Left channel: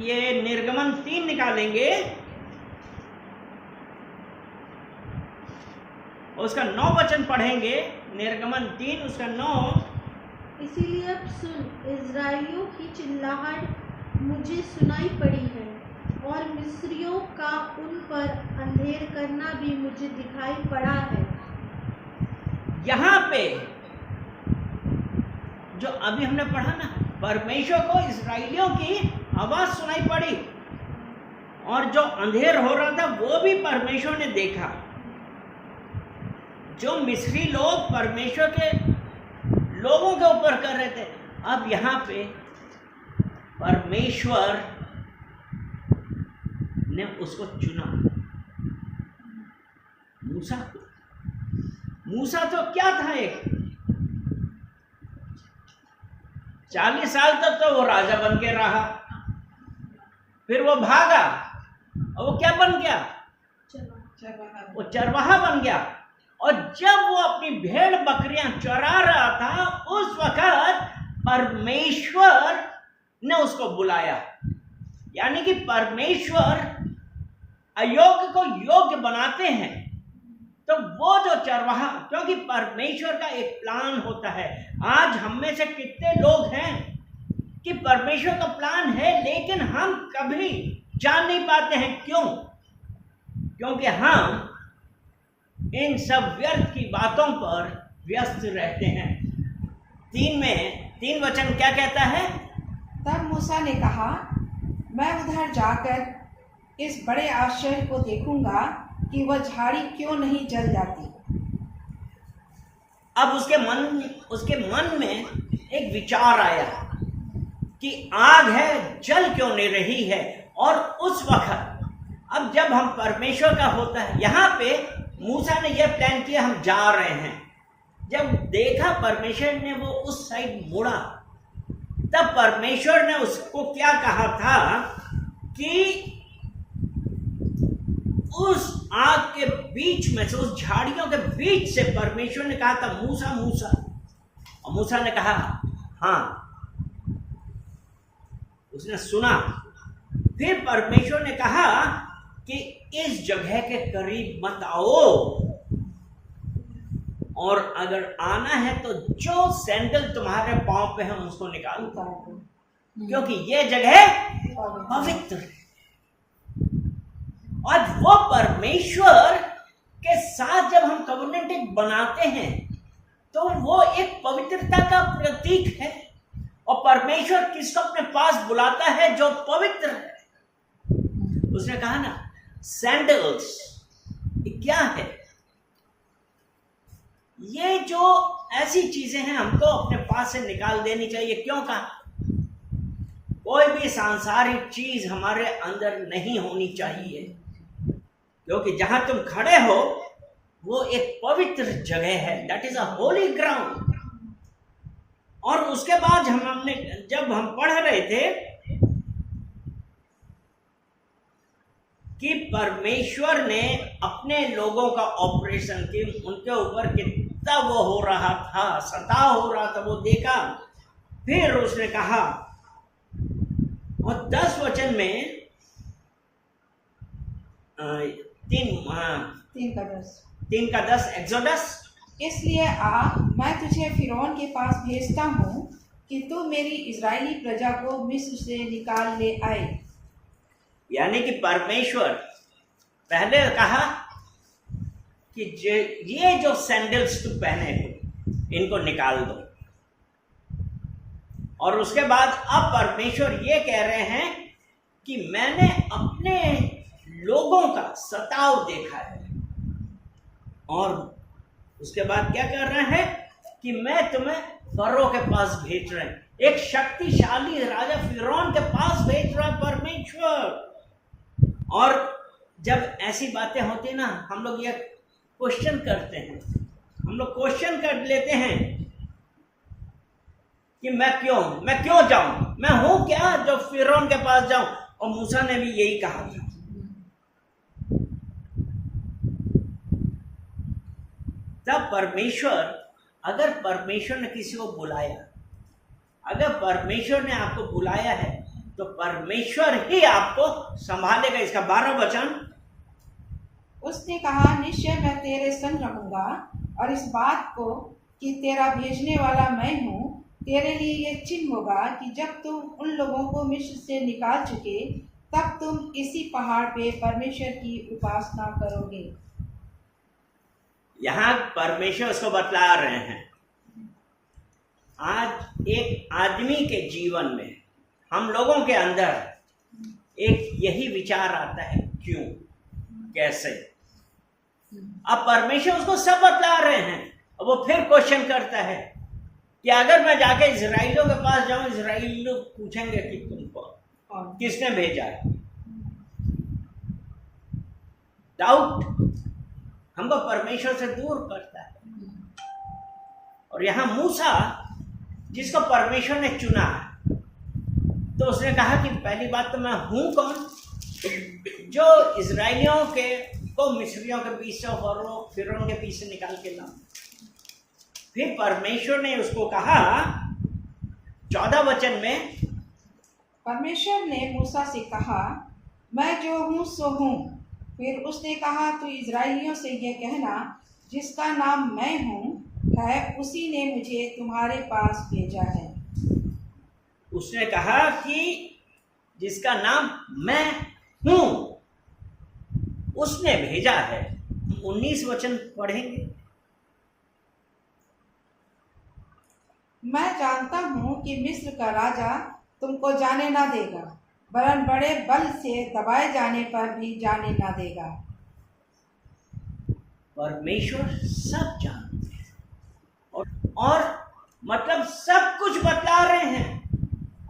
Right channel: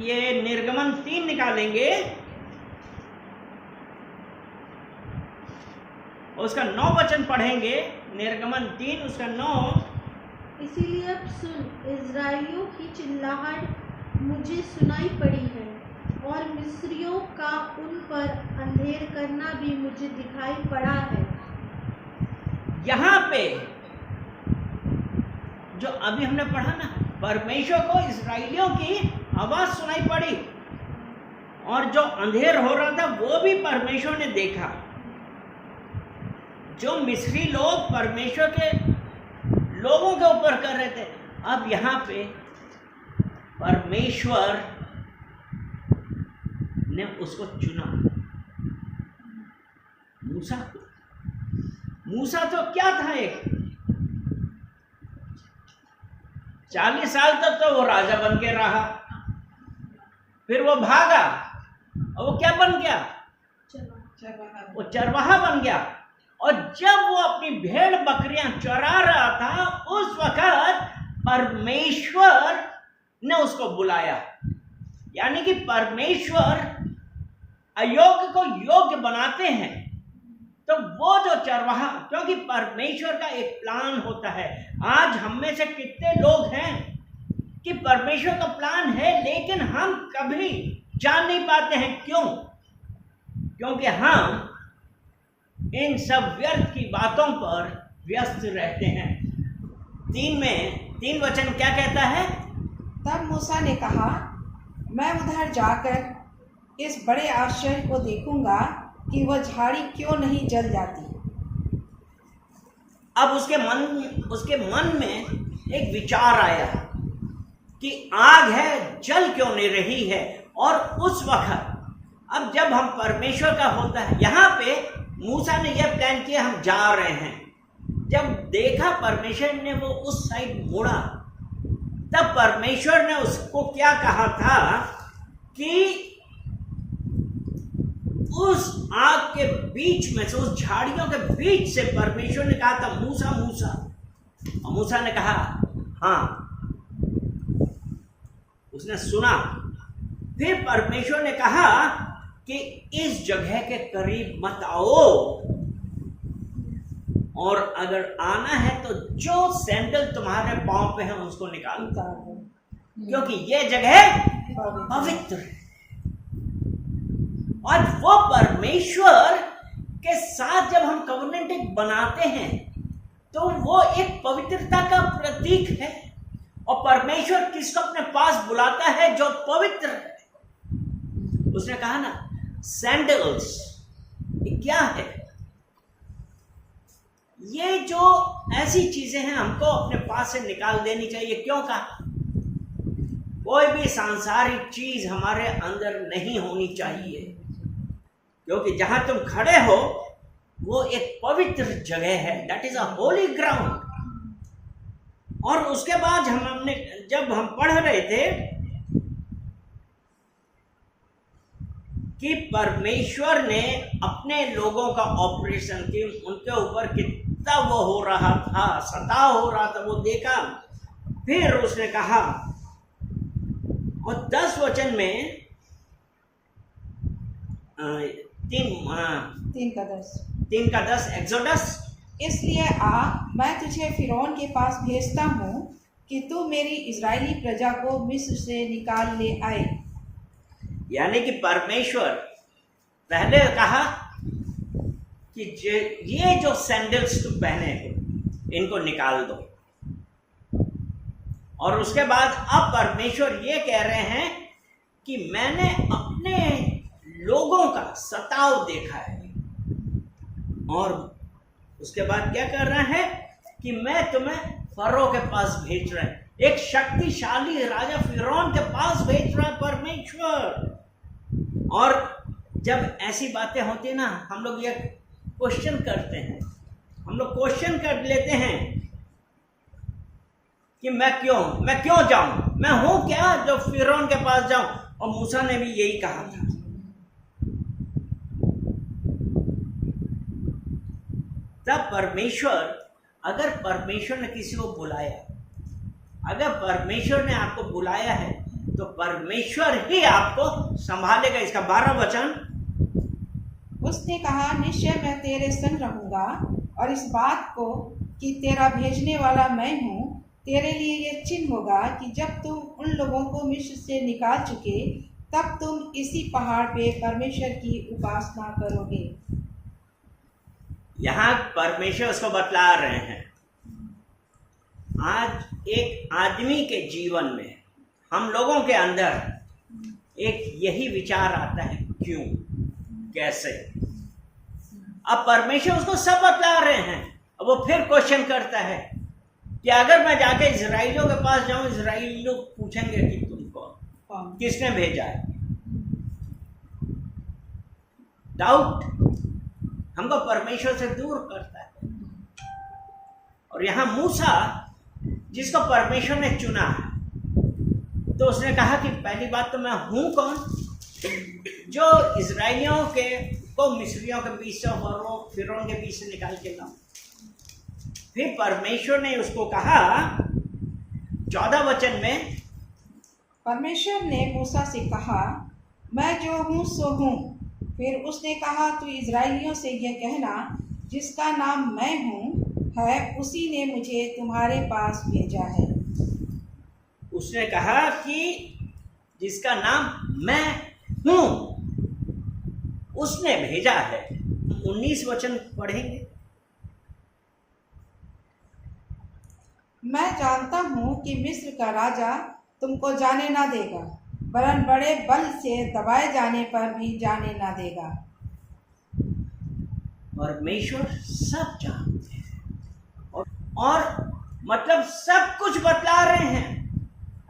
ये निर्गमन 3 निकालेंगे, उसका 9 वचन पढ़ेंगे। निर्गमन 3 उसका 9। इसीलिए अब सुन, इज़राइलियों की चिल्लाहट मुझे सुनाई पड़ी है और मिस्रियों का उन पर अंधेर करना भी मुझे दिखाई पड़ा है। यहाँ पे जो अभी हमने पढ़ा ना, परमेश्वर को इस्राएलियों की आवाज सुनाई पड़ी और जो अंधेर हो रहा था वो भी परमेश्वर ने देखा। जो मिस्री लोग परमेश्वर के लोगों के ऊपर कर रहे थे, अब यहाँ पे परमेश्वर ने उसको चुना, मूसा को। मूसा तो क्या था, एक 40 साल तक तो वो राजा बन के रहा, फिर वो भागा और वो क्या बन गया, वो चरवाहा बन गया। और जब वो अपनी भेड़ बकरियां चरा रहा था, उस वक्त परमेश्वर ने उसको बुलाया। यानी कि परमेश्वर अयोग्य को योग्य बनाते हैं। तो वो जो चरवाहा, क्योंकि परमेश्वर का एक प्लान होता है। आज हम में से कितने लोग हैं कि परमेश्वर का प्लान है लेकिन हम कभी जान नहीं पाते हैं। क्यों? क्योंकि हम इन सब व्यर्थ की बातों पर व्यस्त रहते हैं। 3 वचन क्या कहता है? तब मूसा ने कहा, मैं उधर जाकर इस बड़े आश्चर्य को देखूंगा कि वह झाड़ी क्यों नहीं जल जाती। अब उसके मन में एक विचार आया कि आग है, जल क्यों नहीं रही है। और उस वक्त अब जब हम परमेश्वर का होता है, यहाँ पे मूसा ने यह प्लान किया, हम जा रहे हैं। जब देखा परमेश्वर ने वो उस साइड मुड़ा, तब परमेश्वर ने उसको क्या कहा था कि उस आग के बीच में से, उस झाड़ियों के बीच से परमेश्वर ने कहा था, मूसा मूसा। और मूसा ने कहा हाँ, उसने सुना। फिर परमेश्वर ने कहा कि इस जगह के करीब मत आओ, और अगर आना है तो जो सैंडल तुम्हारे पांव पे है उसको निकाल दो, क्योंकि ये जगह पवित्र है। और वो परमेश्वर के साथ जब हम कवनेंट बनाते हैं तो वो एक पवित्रता का प्रतीक है। और परमेश्वर किसको अपने पास बुलाता है? जो पवित्र है। उसने कहा ना, सैंडल्स क्या है? ये जो ऐसी चीजें हैं हमको अपने पास से निकाल देनी चाहिए। क्यों कहा? कोई भी सांसारिक चीज हमारे अंदर नहीं होनी चाहिए, क्योंकि जहां तुम खड़े हो वो एक पवित्र जगह है। That is a Holi ground. और उसके बाद जब हम पढ़ रहे थे कि परमेश्वर ने अपने लोगों का ऑपरेशन की, उनके ऊपर कितना वो हो रहा था, सताव हो रहा था, वो देखा। फिर उसने कहा, और 10 वचन में 3 का 10 एक्सोडस, इसलिए आ, मैं तुझे फिरौन के पास भेजता हूँ कि तू मेरी इजरायली प्रजा को मिस्र से निकाल ले आए। यानी कि परमेश्वर पहले कहा कि ये जो सैंडल्स तुम पहने हो इनको निकाल दो, और उसके बाद अब परमेश्वर ये कह रहे हैं कि मैंने अपने लोगों का सताव देखा है। और उसके बाद क्या कर रहा है कि मैं तुम्हें फरो के पास भेज रहा हूं, एक शक्तिशाली राजा फिरौन के पास भेज रहा है परमेश्वर। और जब ऐसी बातें होती ना, हम लोग ये क्वेश्चन करते हैं, हम लोग क्वेश्चन कर लेते हैं कि मैं क्यों जाऊं, मैं हूं क्या जो फिरौन के पास जाऊं। और मूसा ने भी यही कहा था। तब परमेश्वर, अगर परमेश्वर ने किसी को बुलाया, अगर परमेश्वर ने आपको बुलाया है तो परमेश्वर ही आपको संभालेगा। इसका 12 वचन, उसने कहा, निश्चय मैं तेरे संग रहूंगा और इस बात को कि तेरा भेजने वाला मैं हूँ तेरे लिए ये चिन्ह होगा कि जब तुम उन लोगों को मिस्र से निकाल चुके तब तुम इसी पहाड़ पे परमेश्वर की उपासना करोगे। यहाँ परमेश्वर उसको बतला रहे हैं। आज एक आदमी के जीवन में, हम लोगों के अंदर एक यही विचार आता है, क्यों, कैसे। अब परमेश्वर उसको सब बतला रहे हैं। अब वो फिर क्वेश्चन करता है कि अगर मैं जाके इजराइलियों के पास जाऊं, इजराइली लोग पूछेंगे कि तुम कौन, किसने भेजा है। डाउट हमको परमेश्वर से दूर करता है। और यहां मूसा, जिसको परमेश्वर ने चुना है, तो उसने कहा कि पहली बात तो मैं हूं कौन, जो इजराइलियों को मिस्रियों के बीच से और फिरौन के बीच से निकाल के लाऊं। फिर परमेश्वर ने उसको कहा 14 वचन में, परमेश्वर ने मूसा से कहा, मैं जो हूँ सो हूँ। फिर उसने कहा, तू इजराइलियों से यह कहना, जिसका नाम मैं हूँ है, उसी ने मुझे तुम्हारे पास भेजा है। उसने कहा कि जिसका नाम मैं हूँ उसने भेजा है। 19 वचन पढ़ेंगे। मैं जानता हूँ कि मिस्र का राजा तुमको जाने ना देगा, वरन बड़े बल से दबाए जाने पर भी जाने ना देगा। परमेश्वर सब जानते हैं और मतलब सब कुछ बतला रहे हैं।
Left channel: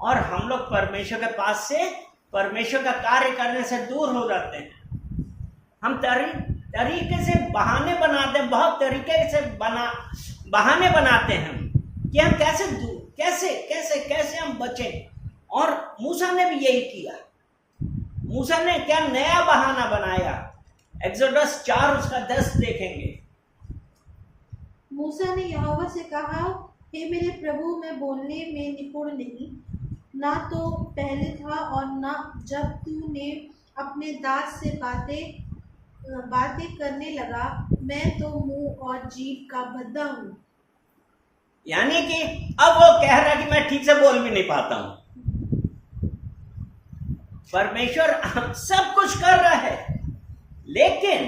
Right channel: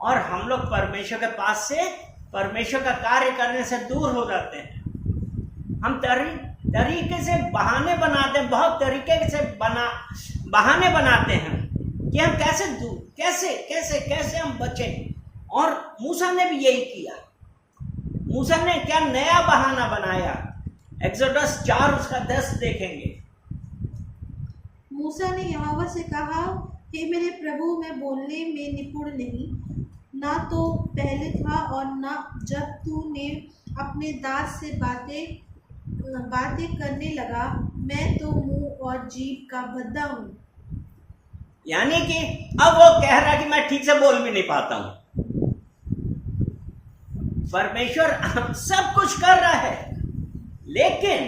और हम लोग परमेश्वर के पास से, परमेश्वर का कार्य करने से दूर हो जाते हैं। हम तरीके से बहाने बनाते हैं, बहुत तरीके से बहाने बनाते हैं कि हम कैसे दूर, कैसे हम बचें। और मूसा ने भी यही किया। मूसा ने क्या नया बहाना बनाया, एक्सोडस 4 उसका 10 देखेंगे। मूसा ने यहोवा से कहा, हे मेरे प्रभु, मैं बोलने में निपुण नहीं, ना तो पहले था और ना जब तूने अपने दास से बातें करने लगा। मैं तो मुंह और जीभ का भद्दा हूँ। यानी कि अब वो कह रहा है कि मैं ठीक से बोल भी नहीं पाता हूं। परमेश्वर सब कुछ कर रहा है, लेकिन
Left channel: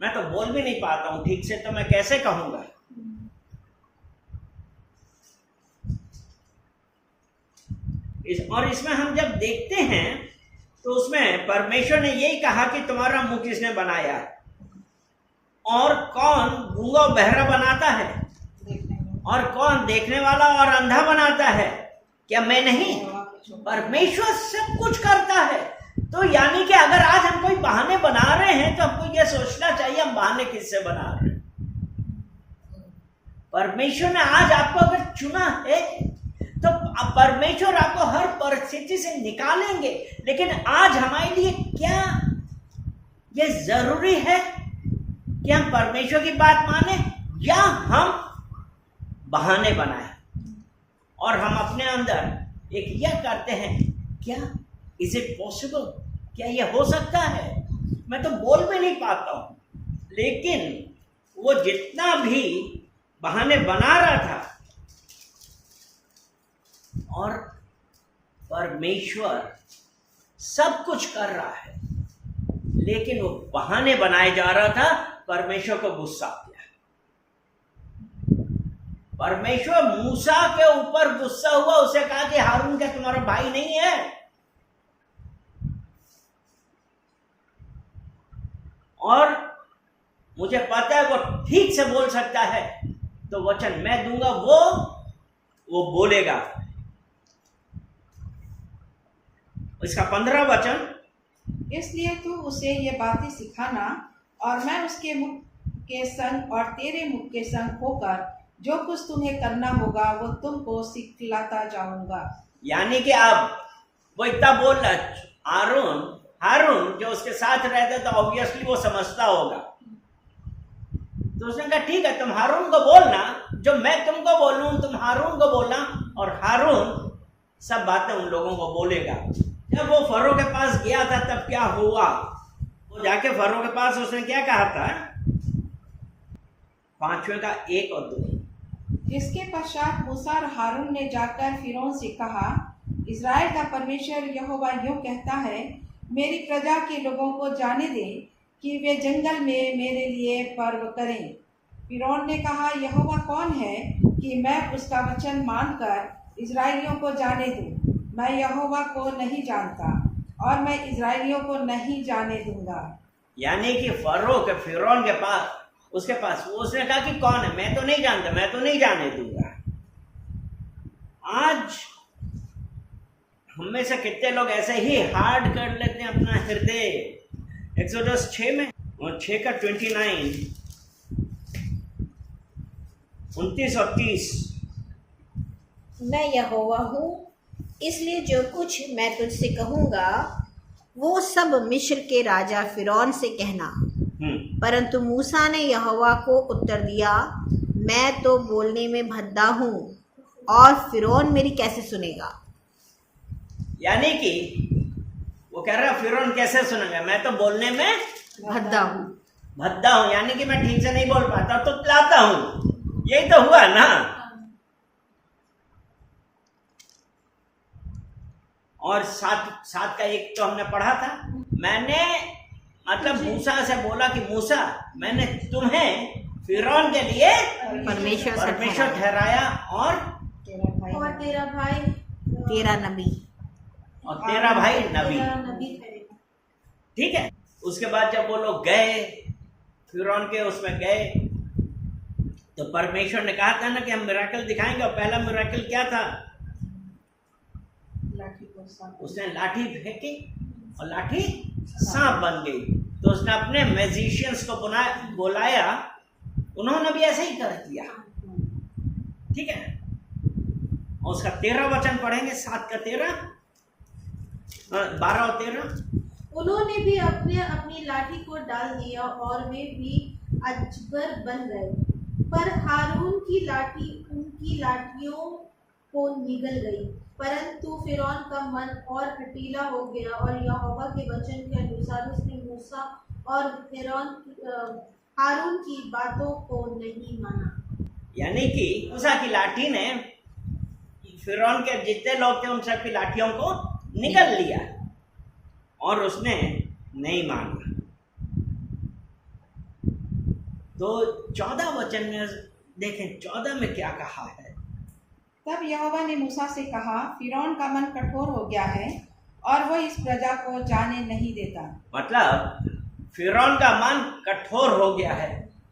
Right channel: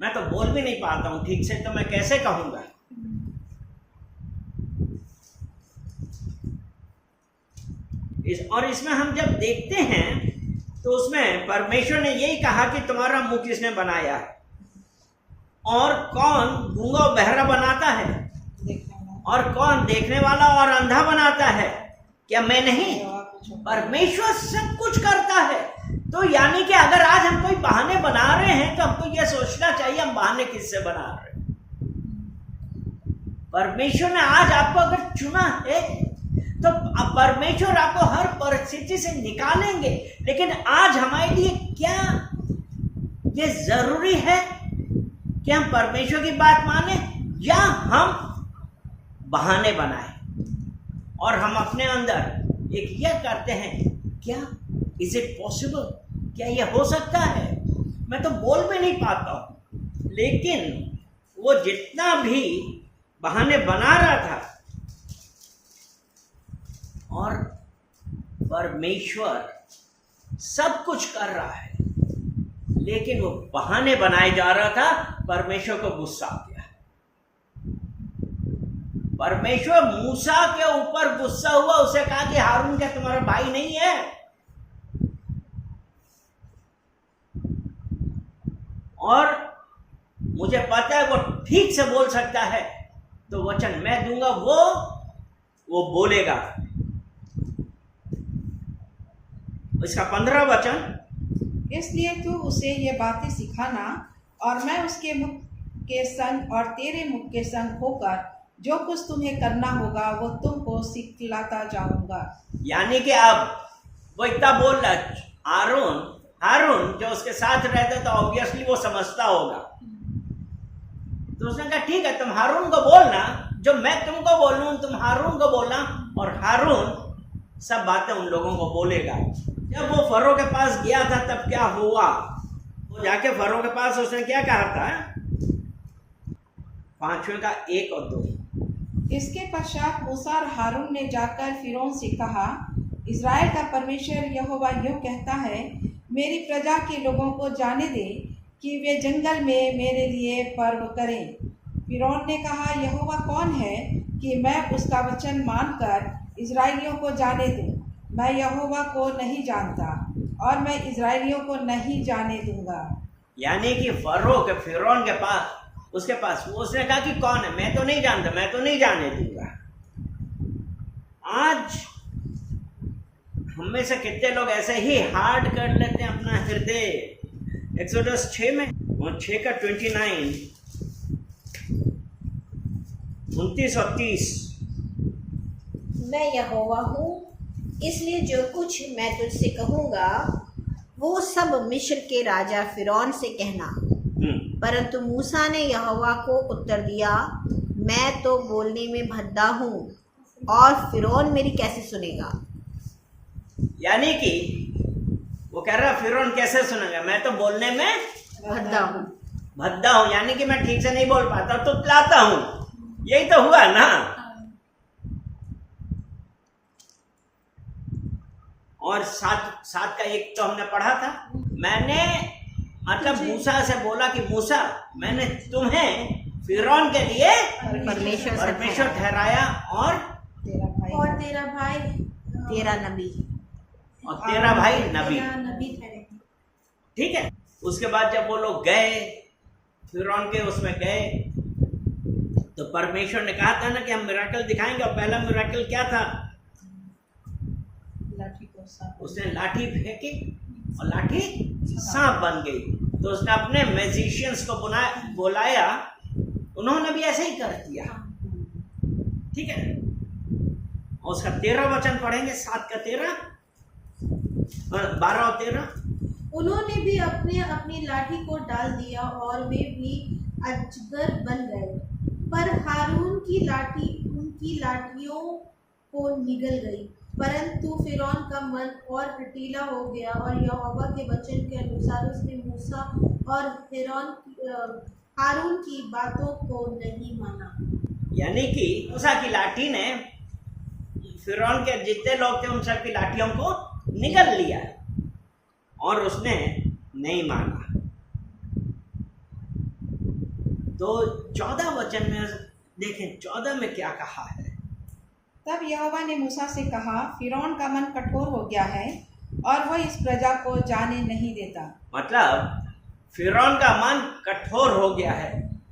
मैं तो बोल भी नहीं पाता हूं ठीक से, तो मैं कैसे कहूंगा। और इसमें हम जब देखते हैं तो उसमें परमेश्वर ने यही कहा कि तुम्हारा मुंह किसने बनाया है, और कौन गूंगा बहरा बनाता है, और कौन देखने वाला और अंधा बनाता है, क्या मैं नहीं। परमेश्वर सब कुछ करता है। तो यानी कि अगर आज हम कोई बहाने बना रहे हैं तो हमको यह सोचना चाहिए हम बहाने किससे बना रहे हैं। परमेश्वर ने आज आपको अगर चुना है तो परमेश्वर आपको हर परिस्थिति से निकालेंगे। लेकिन आज हमारे लिए क्या ये जरूरी है कि हम परमेश्वर की बात माने या हम बहाने बनाए और हम अपने अंदर एक यह करते हैं, क्या इज इट पॉसिबल, क्या यह हो सकता है, मैं तो बोल भी नहीं पाता हूं। लेकिन वो जितना भी बहाने बना रहा था, और परमेश्वर सब कुछ कर रहा है, लेकिन वो बहाने बनाए जा रहा था। परमेश्वर को गुस्सा आ गया। परमेश्वर मूसा के ऊपर गुस्सा हुआ। उसे कहा कि हारून क्या तुम्हारा भाई नहीं है। और मुझे पता है वो ठीक से बोल सकता है, तो वचन मैं दूंगा, वो बोलेगा। इसका 15 वचन, इसलिए तू उसे ये बातें सिखाना, और मैं उसके मुख के संग और तेरे मुख के संग होकर जो कुछ तुम्हें करना होगा वो तुमको सिखलाता जाऊंगा। यानी कि अब वो इतना बोल रहा, हारून जो उसके साथ रहता तो ऑब्वियसली वो समझता होगा। तो उसने कहा ठीक है, तुम हारून को बोलना, जो मैं तुमको बोलूं तुम हारून को बोलना, और हारून सब बातें उन लोगों को बोलेगा। जब वो फरो के पास गया था तब क्या हुआ, वो जाके फरो के पास उसने क्या कहा था, 5वें का 1 और 2। इसके पश्चात मूसा और हारून ने जाकर फिरौन से कहा, इज़राइल का परमेश्वर यहोवा यूं कहता है, मेरी प्रजा के लोगों को जाने दे कि वे जंगल में मेरे लिए पर्व करें। फिरौन ने कहा, यहोवा कौन है कि मैं उसका वचन मानकर इज़राइलियों को जाने दूं? मैं यहोवा को नहीं जानता और मैं इज़राइलियों को नहीं जाने दूंगा। यानी कि फरो के फिरौन के पास, उसके पास उसने कहा कि कौन है, मैं तो नहीं जानता, मैं तो नहीं जाने दूंगा। आज हम में से कितने लोग ऐसे ही हार्ड कर लेते हैं अपना हृदय। एक्सोडस 6 में और 6 का 29, 29 और 30। मैं यहोवा हूँ, इसलिए जो कुछ मैं तुझसे कहूँगा वो सब मिस्र के राजा फिरौन से कहना। परंतु मूसा ने यहोवा को उत्तर दिया, मैं तो बोलने में भद्दा हूँ और फिरौन मेरी कैसे सुनेगा। यानी कि वो कह रहा फिरौन कैसे सुनेगा, मैं तो बोलने में भद्दा हूँ, यानी कि मैं ठीक से नहीं बोल पाता तो तुतलाता हूँ। यही तो हुआ ना। और 7 का 1 तो हमने पढ़ा था। मैंने मतलब मूसा से बोला कि मूसा, मैंने तुम्हें फिरौन के लिए परमेश्वर ठहराया और तेरा भाई तेरा नबी और तेरा भाई नबी। ठहरेगा। ठीक है। उसके बाद जब वो लोग गए फिरौन के उसमें गए तो परमेश्वर ने कहा था ना कि हम मिराकल दिखाएंगे, और पहला मिराकल क्या था, उसने लाठी फेंकी और लाठी सांप बन गई। तो उसने अपने मैजिशियंस को बुलाया, उन्होंने भी ऐसे ही कर दिया। ठीक है। और उसका 13 वचन पढ़ेंगे, 7 का 13, 12 और 13। उन्होंने भी अपने अपनी लाठी को डाल दिया और वे भी अजगर बन गए, पर हारून की लाठी उनकी लाठियों को निगल गई। परंतु फिरौन का मन और हठीला हो गया और यहोवा के वचन के अनुसार उसने मूसा और हारून की बातों को नहीं माना। यानी कि मूसा की लाठी ने फिरौन के जितने लोग थे उन सब की लाठियों को निगल लिया और उसने नहीं माना। तो 14 वचन में देखें, 14 में क्या कहा है। तब यहोवा ने मूसा से कहा, फिरौन का मन कठोर हो गया है और वह इस प्रजा को जाने नहीं देता। मतलब फिरौन का मन कठोर हो गया है।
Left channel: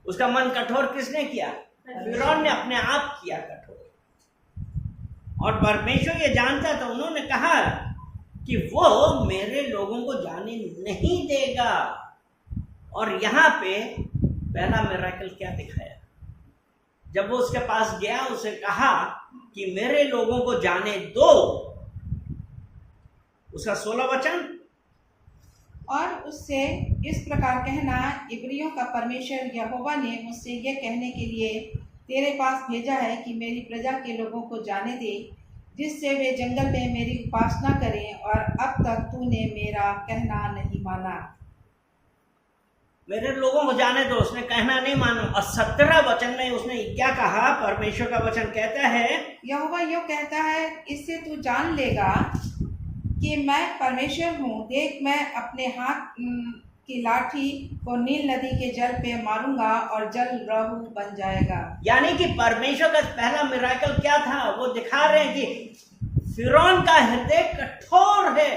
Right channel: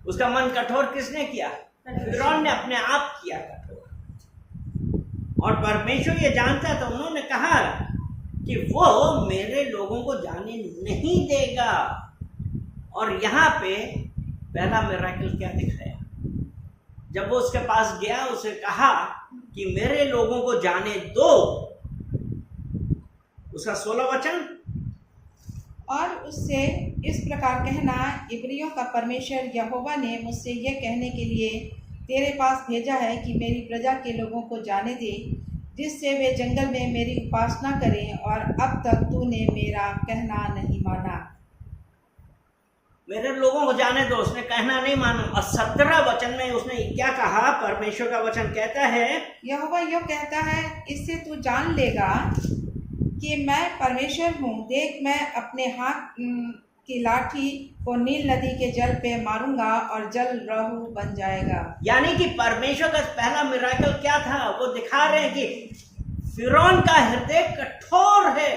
उसका मन कठोर किसने किया? फिरौन ने अपने आप किया कठोर। और परमेश्वर ये जानता था, उन्होंने कहा कि वो मेरे लोगों को जाने नहीं देगा। और यहाँ पे पहला मिरेकल क्या दिखाया, जब वो उसके पास गया उसे कहा कि मेरे लोगों को जाने दो। उसका 16 वचन, और उससे इस प्रकार कहना, इब्रियों का परमेश्वर यहोवा ने मुझसे यह कहने के लिए तेरे पास भेजा है कि मेरी प्रजा के लोगों को जाने दे, जिससे वे जंगल में मेरी उपासना करें, और अब तक तूने मेरा कहना नहीं माना। मेरे लोगों को जाने दो, उसने कहना नहीं माना। और 17 वचन में उसने क्या कहा? परमेश्वर का वचन कहता है, यहोवा यूं कहता है, इससे तू जान लेगा कि मैं परमेश्वर हूँ। देख, मैं अपने हाथ की लाठी को नील नदी के जल पे मारूंगा और जल रहू बन जाएगा। यानी कि परमेश्वर का पहला मिरेकल क्या था? वो दिखा रहे हैं कि फिरौन का हृदय कठोर है।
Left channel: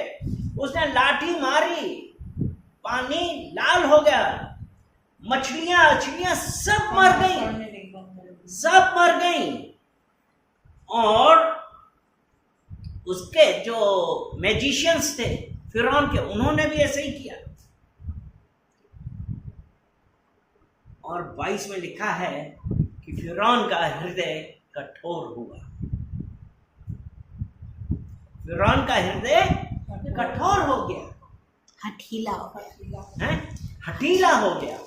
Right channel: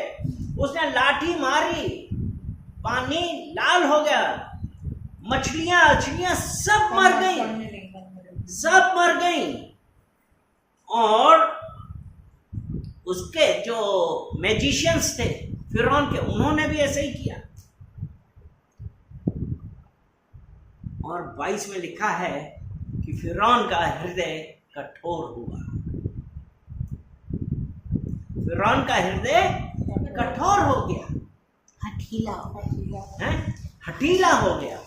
उसने लाठी मारी, पानी लाल हो गया, मछलियां सब मर गई, सब मर गई। और उसके जो मैजिशियंस थे फिरौन के, उन्होंने भी ऐसे ही किया। और 22 में लिखा है कि फिरौन का हृदय कठोर हुआ। फिरौन का हृदय कठोर हो गया, हठीला हो गया।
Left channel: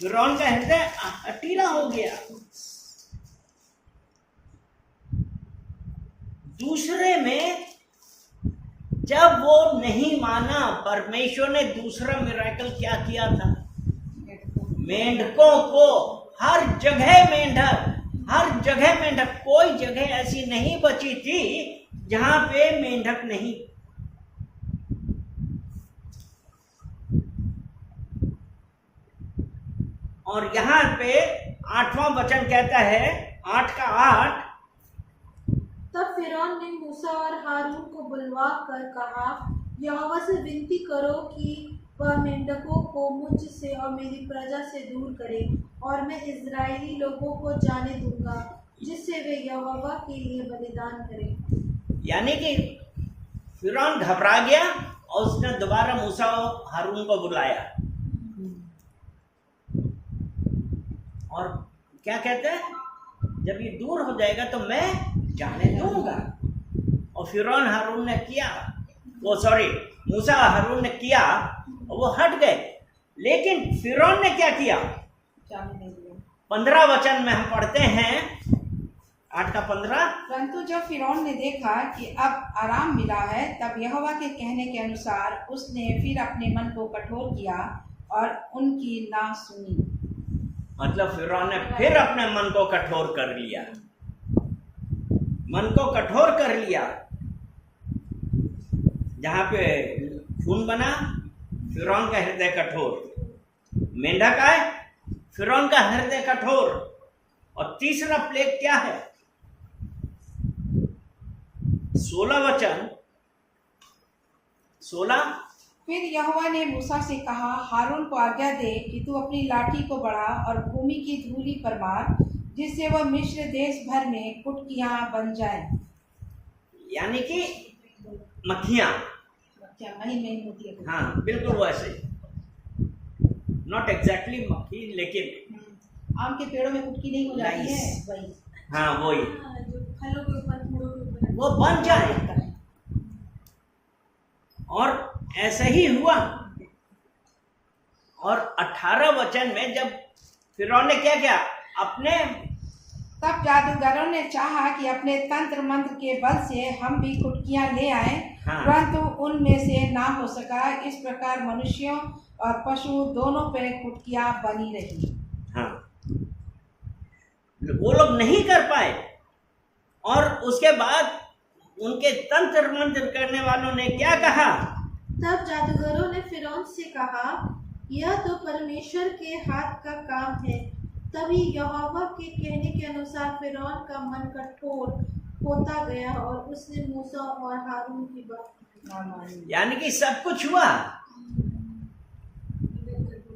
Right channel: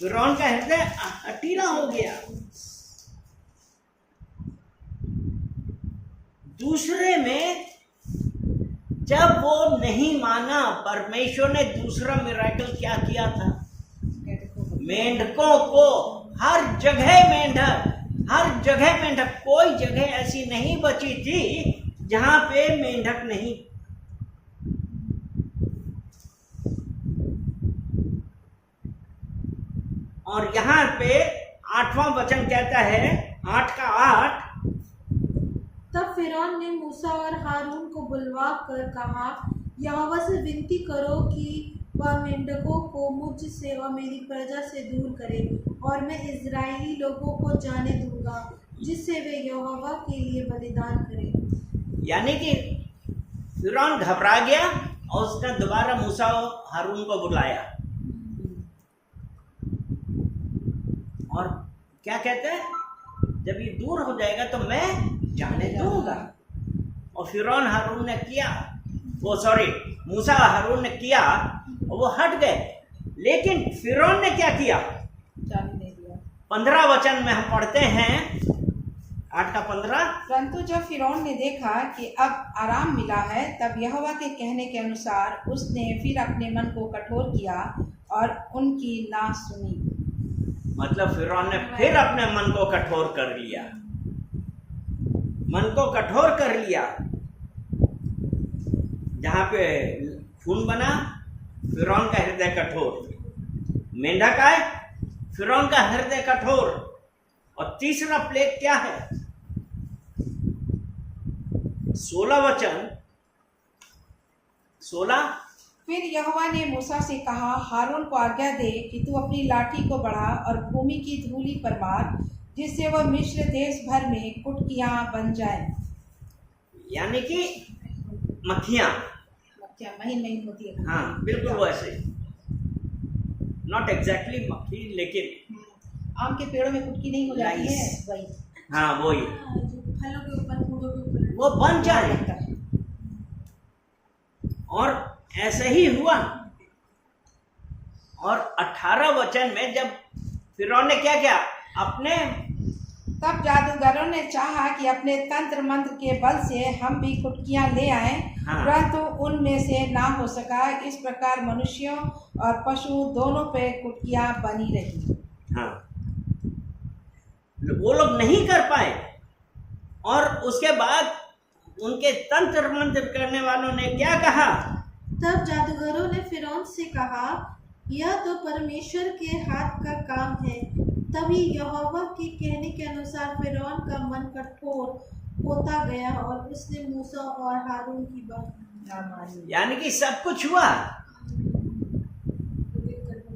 फिरौन का हृदय हठीला हो गया। दूसरे में जब वो नहीं माना, परमेश्वर ने दूसरा मिरेकल क्या किया था? मेंढकों को हर जगह मेंढक, कोई जगह ऐसी नहीं बची थी जहां पे मेंढक नहीं। और यहां पे 8वां वचन कहता है, 8 का 8, तब फिरौन ने मूसा और हारून को बुलवा कर कहा, यहोवा से विनती करो कि वह मेंढकों को मुझ से और मेरी प्रजा से दूर करे, और मैं इजरायली लोगों को जाने दूंगा, जिससे वे यहोवा के लिए बलिदान करें। यानी कि फिरौन घबरा गया और उसने दोबारा मूसा और हारून को बुलाया, और क्या कहते हैं, जब ये दूर हो जाएगा तो मैं जाने दूंगा। और फिरौन हारून ने किया, मूसा और हारून ने किया और वो हट गए। लेकिन फिरौन ने क्या किया? जाने नहीं दिया। 15 वचन में हम पढ़ते हैं, 8 का 15, परंतु जब फिरौन ने देखा कि अब आराम मिला है, तब यहोवा के कहने के अनुसार उसने फिर अपने मन को कठोर किया और उनकी ना सुनी। मतलब फिरौन ने फिर अपने मन को कठोर कर लिया, जहां पे खून बना, फिरौन का हृदय कठोर। मेंढक आए, फिरौन का हृदय कठोर। और तीसरा प्लेग क्या है? 16 वचन, 16, फिर यहोवा ने मूसा से कहा, हारून को आज्ञा दे कि तू अपनी लाठी को बढ़ा और भूमि की धूलि पर मार, जिससे वह मिस्र देश भर में कुटकियां बन जाए। यानी कि मक्खियां महीन होती है। हाँ, बिल्कुल वैसे, नॉट एग्जैक्टली मक्खी, लेकिन आम के पेड़ों में कुटकी नहीं हो जाती है, Nice. वही। हाँ वही, जो फलों के ऊपर, फूलों के ऊपर वो बन जाए। और ऐसा ही हुआ। और 18 वचन में जब फिरौन ने क्या किया, अपने तब जादूगरों ने चाहा कि अपने तंत्र मंत्र के बल से हम भी कुटकियां ले आएं, हाँ। परंतु उनमें से ना हो सका। इस प्रकार मनुष्यों और पशु दोनों पे कुटकियां बनी रही। हाँ, वो लोग नहीं कर पाए। और उसके बाद उनके तंत्र मंत्र करने वालों ने क्या कहा? तब जादूगरों ने फिरौन से कहा, यह तो परमेश्वर के हाथ का काम है। तभी यहोवा के कहने के अनुसार फिरौन का मन कठोर होता गया और उसने मूसा और हारून की बात ना मानी। यानी कि सब कुछ हुआ।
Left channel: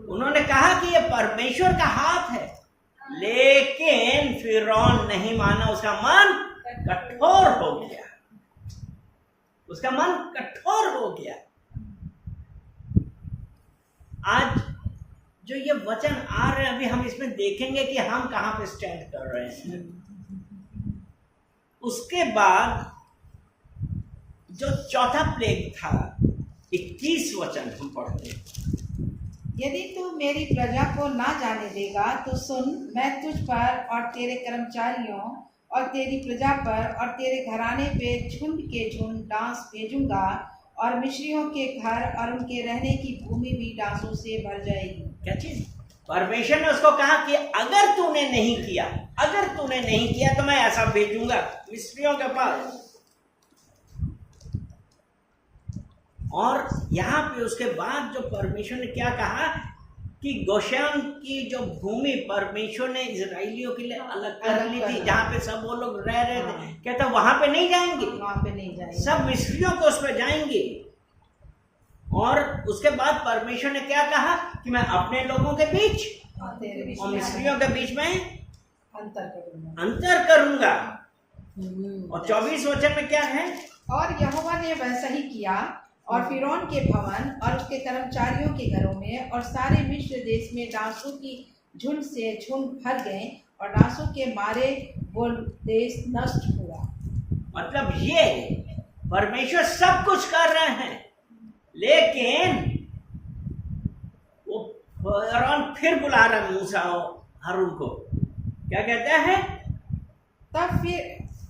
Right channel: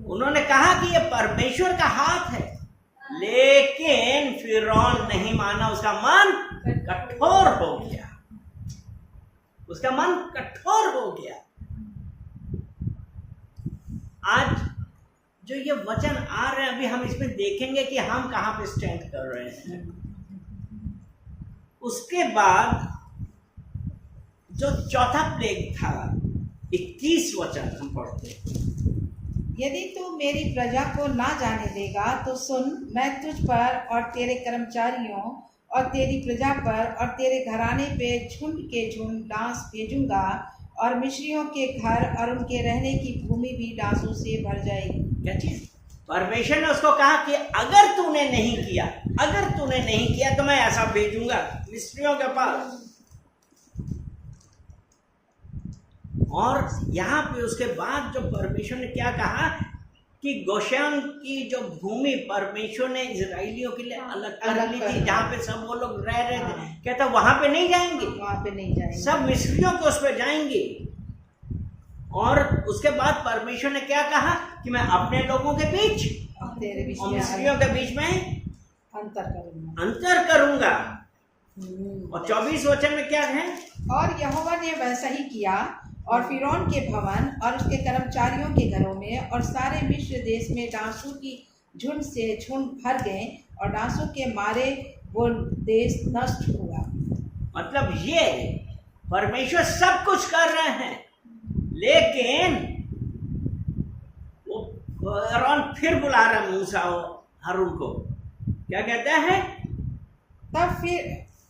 उन्होंने कहा कि ये परमेश्वर का हाथ है, लेकिन फिरौन नहीं माना। उसका मन कठोर हो गया, उसका मन कठोर हो गया। आज जो ये वचन आ रहे हैं, अभी हम इसमें देखेंगे कि हम कहां पे स्टैंड कर रहे हैं। उसके बाद जो चौथा प्लेग था, 21 वचन हम पढ़ते हैं। यदि तू मेरी प्रजा को ना जाने देगा तो सुन, मैं तुझ पर और तेरे कर्मचारियों और तेरी प्रजा पर और तेरे घराने पे झुंड के झुंड डांस भेजूंगा, और मिस्रियों के घर और उनके रहने की भूमि भी डांसों से भर जाएगी। क्या चीज? परमेश्वर ने उसको कहा कि अगर तूने नहीं किया तो मैं ऐसा भेजूंगा मिस्रियों के पास। और यहाँ पे उसके बाद जो परमेश्वर ने क्या कहा कि गोशेन की जो भूमि परमेश्वर ने इजराइलियों के लिए अलग कर ली थी, जहाँ पे सब वो लोग रह रहे थे, कहता वहां पे नहीं जाएंगे, वहाँ पे नहीं जाएंगे, सब मिस्रियों के उस पर जाएंगे। और उसके बाद परमेश्वर ने क्या कहा कि मैं अपने लोगों के बीच और मिस्रियों के बीच में अंतर करूंगा। और 24 वचन में क्या है? और यहोवा ने वैसा ही किया, और फिरौन के भवन और उसके कर्मचारियों के घरों में और सारे मिस्र देश में डांसों की झुंड से झुंड भर गए, और डांसों के मारे वो देश नष्ट हुआ। मतलब ये परमेश्वर सब कुछ कर रहे हैं, लेकिन वो फिरौन फिर बुला रहा है मूसा और हारून को। क्या कहते हैं?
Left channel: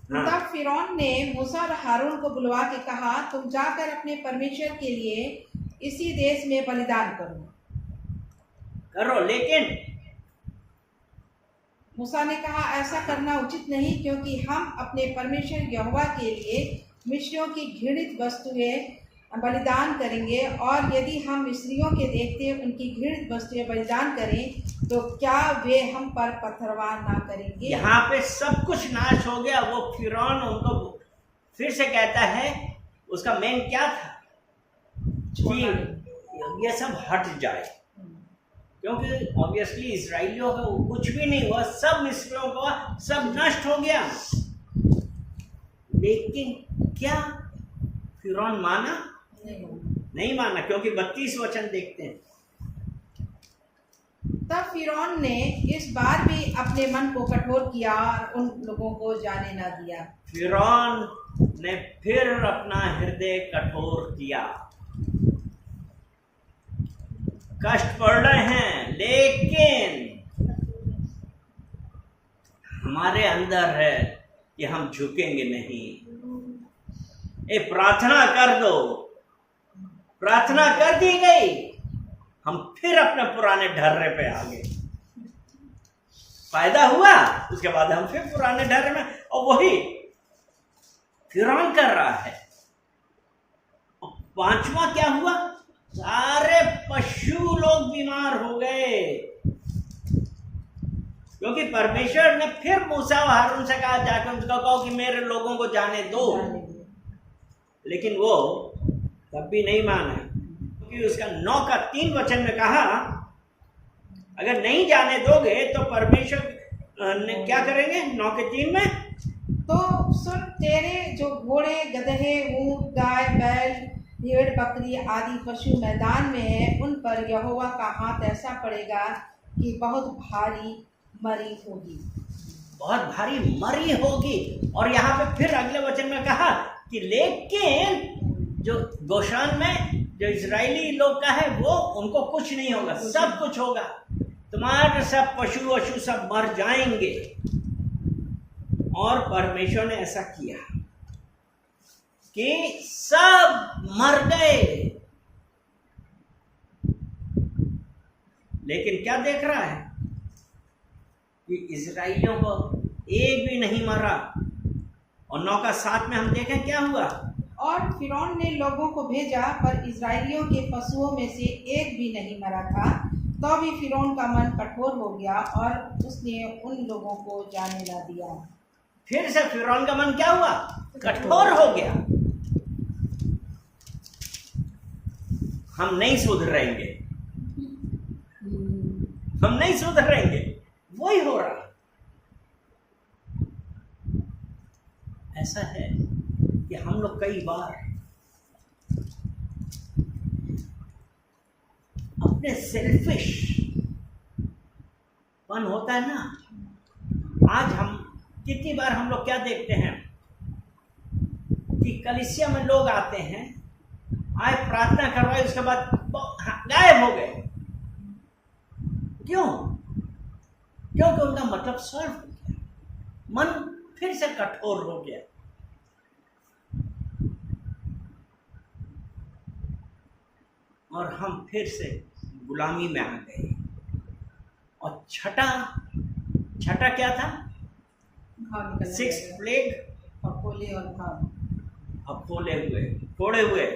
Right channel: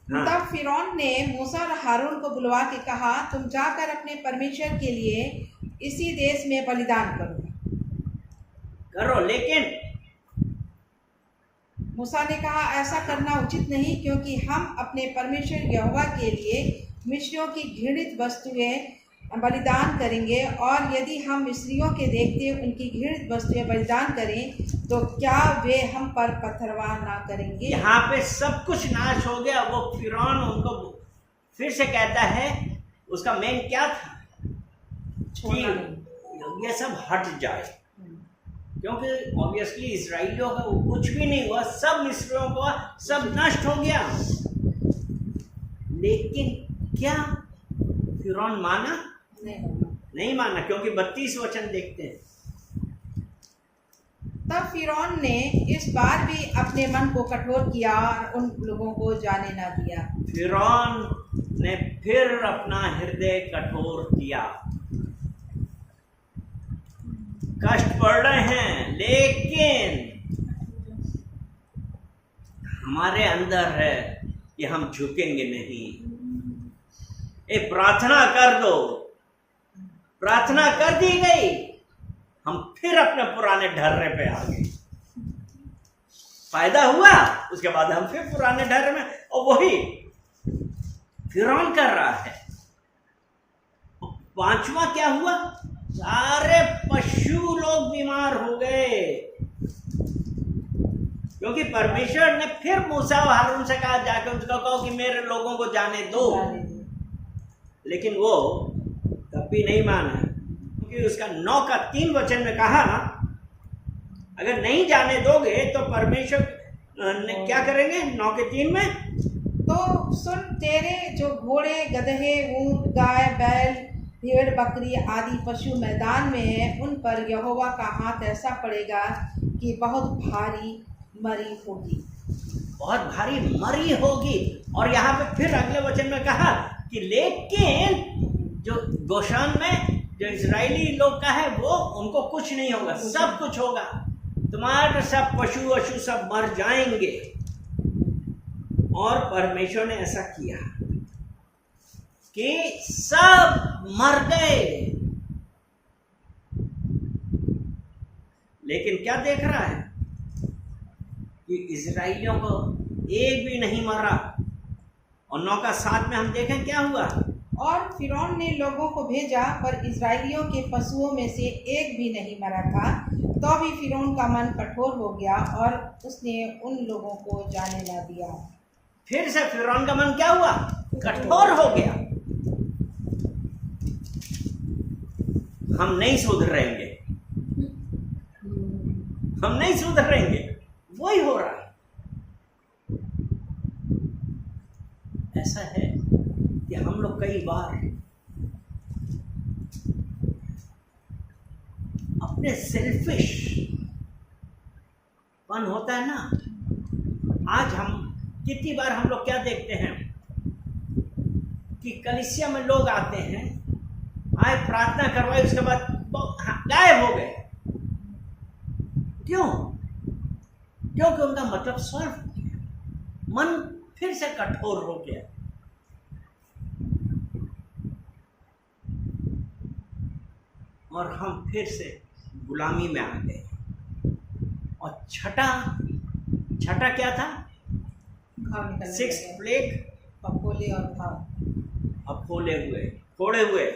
हाँ। तब फिरौन ने मूसा और हारून को बुलवा के कहा, तुम जाकर अपने परमेश्वर के लिए इसी देश में बलिदान करो, लेकिन मूसा ने कहा, ऐसा करना उचित नहीं, क्योंकि हम अपने परमेश्वर यहोवा के लिए मिस्रियों की घृणित वस्तुएं बलिदान करेंगे, और यदि हम मिस्रियों के देखते उनकी घृणित वस्तुएं बलिदान करें तो क्या वे हम पर पत्थरवार ना करेंगे। यहाँ पे सब कुछ नाश हो गया। वो फिरौन उनको फिर से कहता है, उसका मेन क्या था कि ये सब हट जाए, क्योंकि ऑब्वियसली इजराइलियों का कुछ भी नहीं हुआ, सब मिस्रियों का सब नष्ट हो गया। लेकिन क्या फिरौन माना? नहीं माना, क्योंकि 32 वचन देखते हैं। तब फिरौन ने इस बार भी अपने मन को कठोर किया और उन लोगों को जाने ना दिया। फिरौन ने फिर अपना हृदय कठोर किया। कष्ट पड़ रहे हैं, लेकिन हमारे अंदर है कि हम झुकेंगे नहीं। ए, प्रार्थना कर दो। प्रार्थना कर दी गई, हम फिर अपने पुराने ढर्रे पे आ गए। फायदा हुआ, उसके बाद हम फिर पुराने ढर्रे में, और वही फिरौन कर रहा है। पांचवा क्या हुआ? सारे पशु लोग बीमार हो गए, क्योंकि परमेश्वर ने फिर मूसा और हारून से कहा, जाकर उनको कहो कि मेरे लोगों को जाने दो। लेकिन वो तब भी नहीं माना, क्योंकि उसका 9 का 3 वचन में कहा, अगर नहीं जाने दोगे तो परमेश्वर ने क्या करेंगे? 9 के 3 में, तो सुन, तेरे जो घोड़े, गधे, ऊंट, गाय, बैल, भेड़, बकरी आदि पशु मैदान में है, उन पर यहोवा का हाथ ऐसा पड़ेगा कि बहुत भारी मरी होगी। बहुत भारी मरी होगी। और यहाँ पे फिर अगले वचन में कहा कि लेकिन जो गोशान में जो इजरायली लोग का है, वो उनको कुछ नहीं होगा, सब कुछ होगा। तुम्हारे सब पशु वशु सब मर जाएंगे। और परमेश्वर ने ऐसा किया कि सब मर गए। लेकिन क्या देख रहा है कि इजराइलियों को एक भी नहीं मरा। और 9 का 7 में हम देखें क्या हुआ। और फिरौन ने लोगों को भेजा, पर इजराइलियों के पशुओं में से एक भी नहीं मरा था। तो भी फिरौन का मन कठोर हो गया और उसने उन लोगों को जाने ना दिया। फिर से फिरौन का मन क्या हुआ? कठोर हो गया। हम नहीं सुधरेंगे, हम नहीं सुधरेंगे। वही हो रहा है। ऐसा है कि हम लोग कई बार अपने सेल्फिश पन होता है ना। आज हम कितनी बार हम लोग क्या देखते हैं कि कलीसिया में लोग आते हैं, आए प्रार्थना करवाए, उसके बाद गायब हो गए। क्यों? क्योंकि उनका मतलब सॉल्व हो गया, मन फिर से कठोर हो गया। और हम फिर से गुलामी में आ गए। और छठा क्या था? 6 प्लेग, फफोले और घाव, अफोले हुए, फोड़े हुए।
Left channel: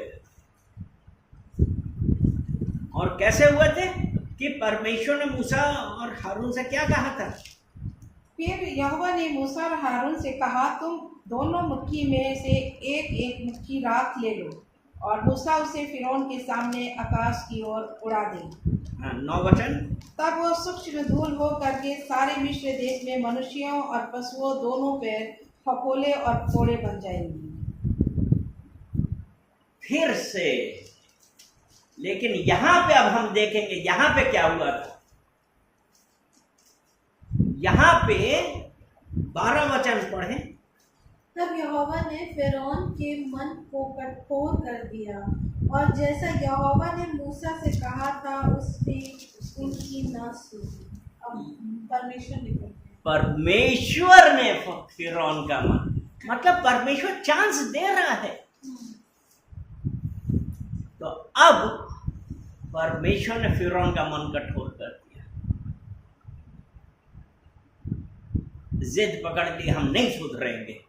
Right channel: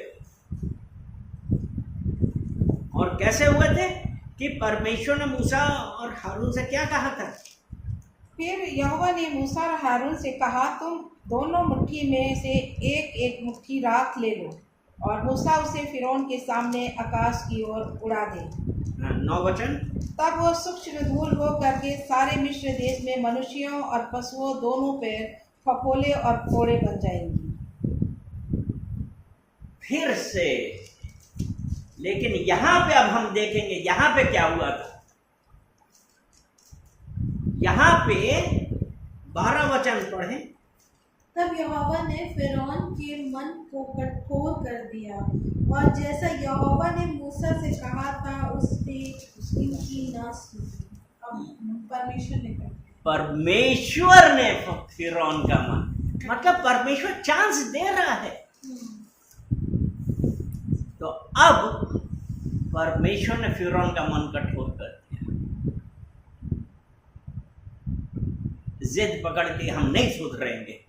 और कैसे हुए थे कि परमेश्वर ने मूसा और हारून से क्या कहा था? फिर यहोवा ने मूसा और हारून से कहा, तुम दोनों मुट्ठी में से एक एक मुट्ठी राख ले लो और मूसा उसे फिरौन के सामने आकाश की ओर उड़ा दे। 9 वचन। तब वो सूक्ष्म धूल हो करके सारे मिस्र देश में मनुष्यों और पशुओं दोनों पर फफोले और फोड़े बन जाएंगी। फिर से, लेकिन यहाँ पे अब हम देखेंगे यहाँ पे क्या हुआ था। यहाँ पे 12 वचन पढ़े। तब यहोवा ने फिरौन के मन को कठोर कर दिया, और जैसा यहोवा ने मूसा से कहा था उसने उनकी न सुनी। अब परमेश्वर ने फिरौन का मन, मतलब परमेश्वर चांस दे रहा है। तो अब परमेश्वर ने फिरौन का मन कठोर कर दिया, जिद पकड़ ली, हम नहीं सुधरेंगे।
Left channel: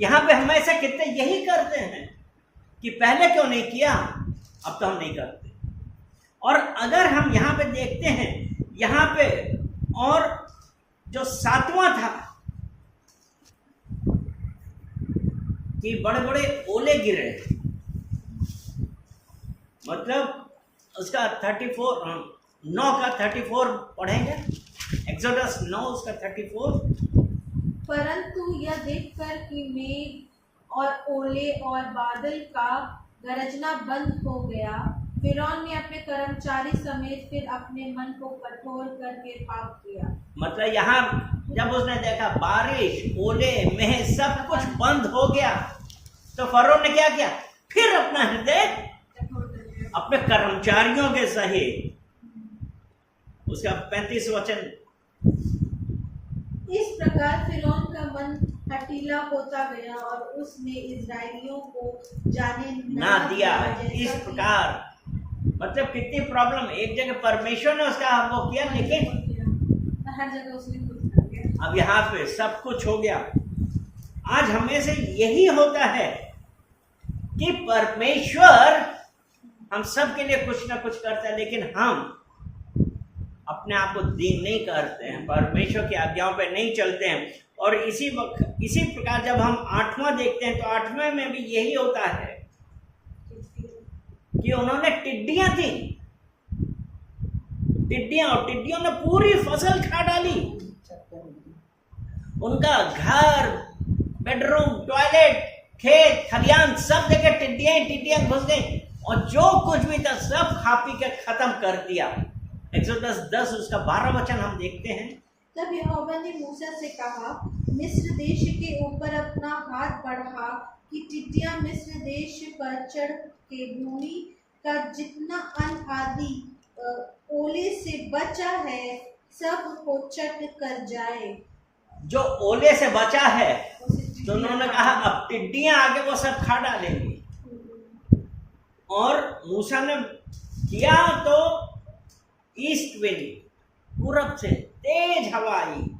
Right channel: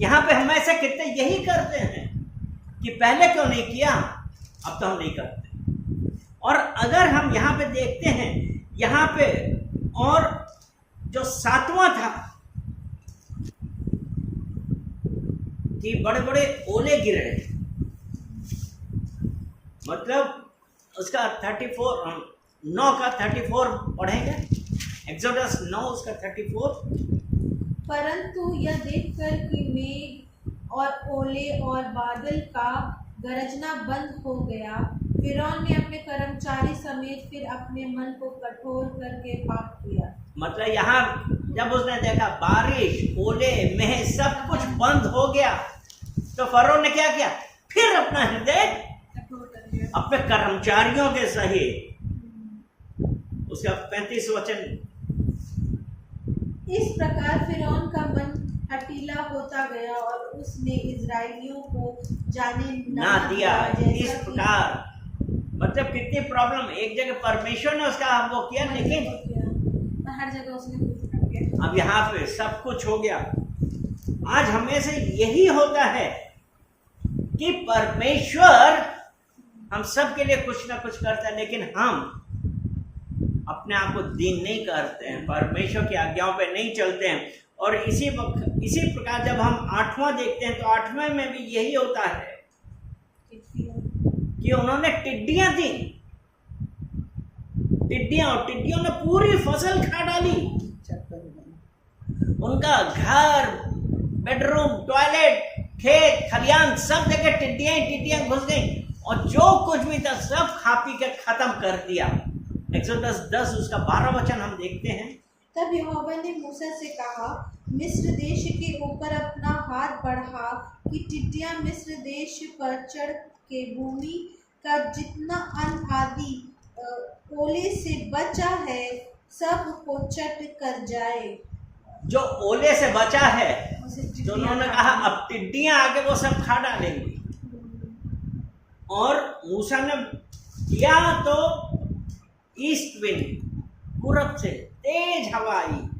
यहां पे हम ऐसा कितने यही करते हैं कि पहले क्यों नहीं किया, अब तो हम नहीं करते। और अगर हम यहां पे देखते हैं, यहां पे और जो 7वां था कि बड़े बड़े ओले गिरे, मतलब उसका 9 का 34 पढ़ेंगे, एक्सोडस 9 उसका 34। परंतु यह देखकर कि मेघ और ओले और बादल का गरजना बंद हो गया, फिरौन ने अपने कर्मचारी समेत फिर अपने मन को कठोर करके पाप किया। मतलब यहाँ जब उसने देखा बारिश, ओले, मेघ सब कुछ बंद हो गया, तो फरोह ने क्या किया, फिर अपना हृदय अपने कर्मचारियों के सहित, उसका 35 वचन, इस प्रकार फिरौन का मन हठीला होता गया और उसने इजराइलियों को जाने ना दिया। जैसा इस कि- प्रकार मतलब कितनी प्रॉब्लम, एक जगह परमेश्वर ने उसका वो किया, लेकिन हर जगह उसने कुछ कर दिया। अब यहाँ पे सब कुछ हो गया। आज हमें से यही होता है कि परमेश्वर हम सब के लिए कुछ ना कुछ करता है, लेकिन हम अपने आप को दीन नहीं करते हैं, परमेश्वर की आज्ञाओं पे नहीं चलते हैं। और इसी प्रकार जब हम 8वां देखते हैं, तो 8वें में भी यही होता है कि उन्होंने टिड्डियां थी, टिड्डियां, और टिड्डियों ने पूरी फसल खा डाली। उनका घर, बेडरूम, टॉयलेट, खेत, खलियान, सब जगह टिड्डियां घुस गई, और जो कुछ भी था सब खा पी के खत्म कर दिया। एक्सोडस 10 उसका 12 वचन हम देखते हैं। तब यहोवा ने मूसा से कहा, मिस्र देश के ऊपर अपना हाथ बढ़ा कि टिड्डियां मिस्र देश पर चढ़ के भूमि का जितना अन्न आदि ओले से बचा है सब को चट कर जाए। जो ओले से बचा है, तो उन्होंने कहा अब टिड्डियां आके वो सब खा डालेंगी। और मूसा ने किया तो ईस्ट विंड, पूरब से तेज हवा आई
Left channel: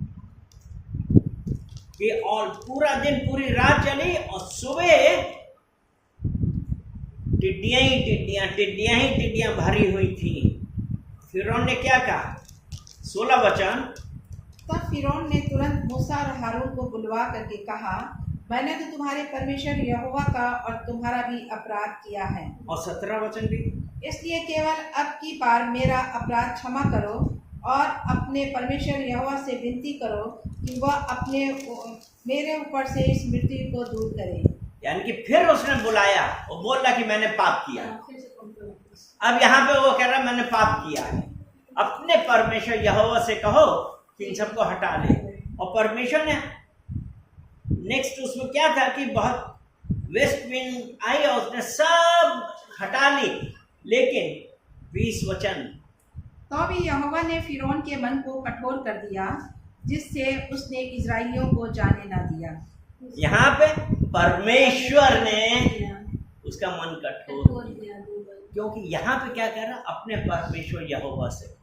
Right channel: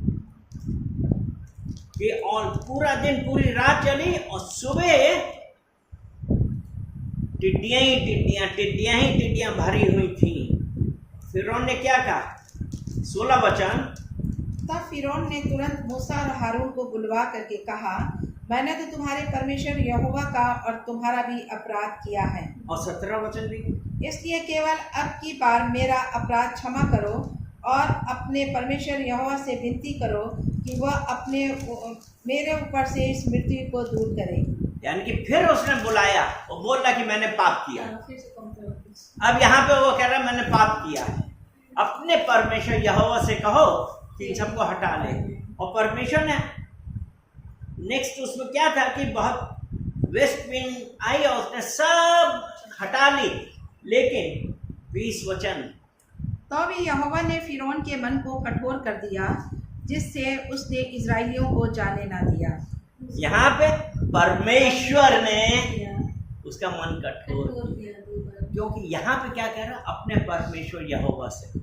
कि और पूरा दिन पूरी रात चली, और सुबह टिड्डियां भरी हुई थी। फिरौन ने क्या कहा, 16 वचन। तब फिरौन ने तुरंत मूसा और हारून को बुलवा करके कहा, मैंने तो तुम्हारे परमेश्वर यहोवा का और तुम्हारा भी अपराध किया है, और 17 वचन भी, इसलिए केवल अब की बार मेरा अपराध क्षमा करो और अपने परमेश्वर यहोवा से विनती करो कि वह अपने मेरे ऊपर से इस मृत्यु को दूर करे। यानी कि फिर उसने बुलाया, वो बोल रहा कि मैंने पाप किया। अब यहाँ पे वो कह रहा मैंने पाप किया है, अपने परमेश्वर यहोवा से कहो कि इन सबको हटा ले। और परमेश्वर ने नेक्स्ट उसमें क्या था कि बहुत वेस्ट विंड आई और उसने सब हटा ली, लेकिन 20 वचन, तो भी यहोवा ने फिरौन के मन को कठोर कर दिया, जिससे उसने इजराइलियों को जाने ना दिया। यहाँ पे परमेश्वर ने उसका मन कठोर किया, क्योंकि यहाँ पे क्या कह रहा, अपने परमेश्वर यहोवा से,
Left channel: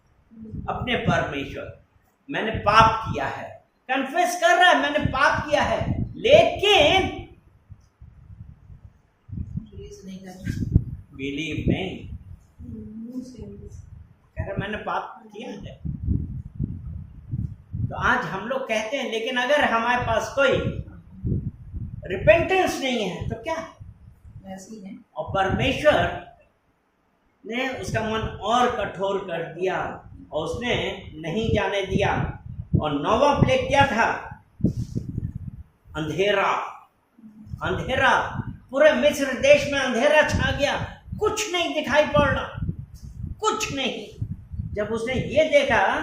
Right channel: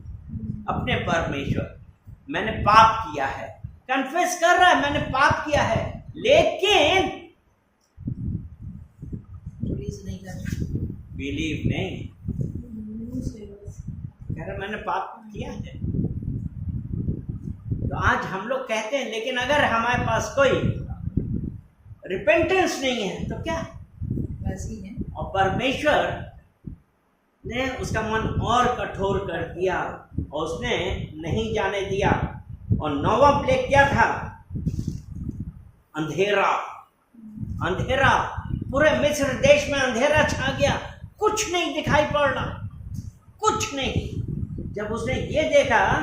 अपने परमेश्वर, मैंने पाप किया है, कन्फेस कर रहा है मैंने पाप किया है, लेकिन बिलीव नहीं, कह रहा मैंने पाप किया है। तो आज हम लोग कहते हैं, लेकिन अगर हमारे पास कोई रिपेंटेंस नहीं है तो क्या, वैसी है। और परमेश्वर ने उसका मन और कठोर कर दिया और उसने नहीं जाने दिया। और 9वां प्लेग क्या था, अंधेरा, अंधेरा, पूरे मिस्र देश में अंधेरा छा गया, कुछ नहीं दिखाई पड़ रहा, कुछ नहीं। जब उसने ये देखा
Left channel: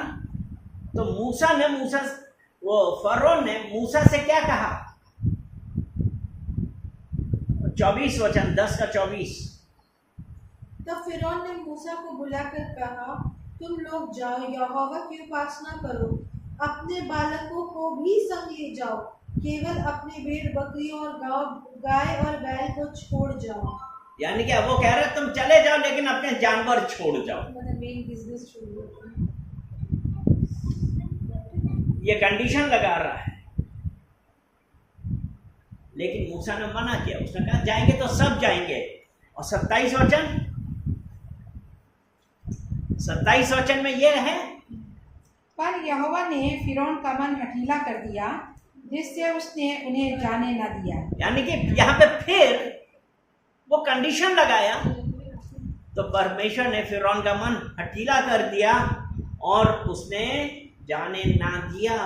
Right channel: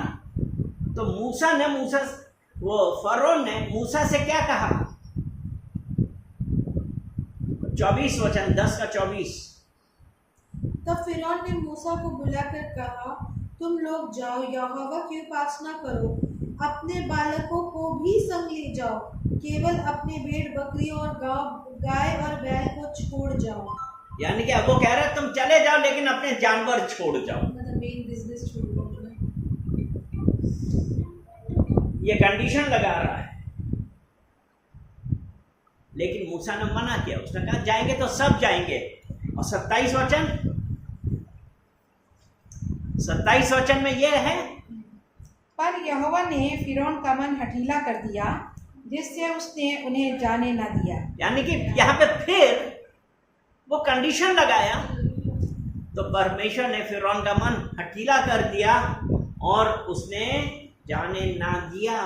तो फरोह ने मूसा से क्या कहा, 24 वचन, 10 का 24। तब फिरौन ने मूसा को बुलाकर कहा, तुम लोग जाओ, यहोवा की उपासना करो, अपने बालकों को भी संग ले जाओ, केवल अपने भेड़ बकरियों और गाय और बैल को छोड़ जाओ। यानी कि अब वो कह रहे हैं तुम चले जाओ लेकिन अपने जानवर छोड़ जाओ। मतलब मेन बिजनेस छोड़ दो। ये कंडीशन लगा रहा है, लेकिन मूसा ने मना किया। उसने कहा जाएंगे तो सब जाएंगे। और 27 वचन में यह है, पर यहोवा ने फिरौन का मन हठीला कर दिया, जिससे उसने उन्हें जाने न दिया। यानी कि यहाँ पे फिर वो कंडीशन लगाया, तो परमेश्वर ने फिरौन का मन हठीला कर दिया और उसने जाने ना दिया।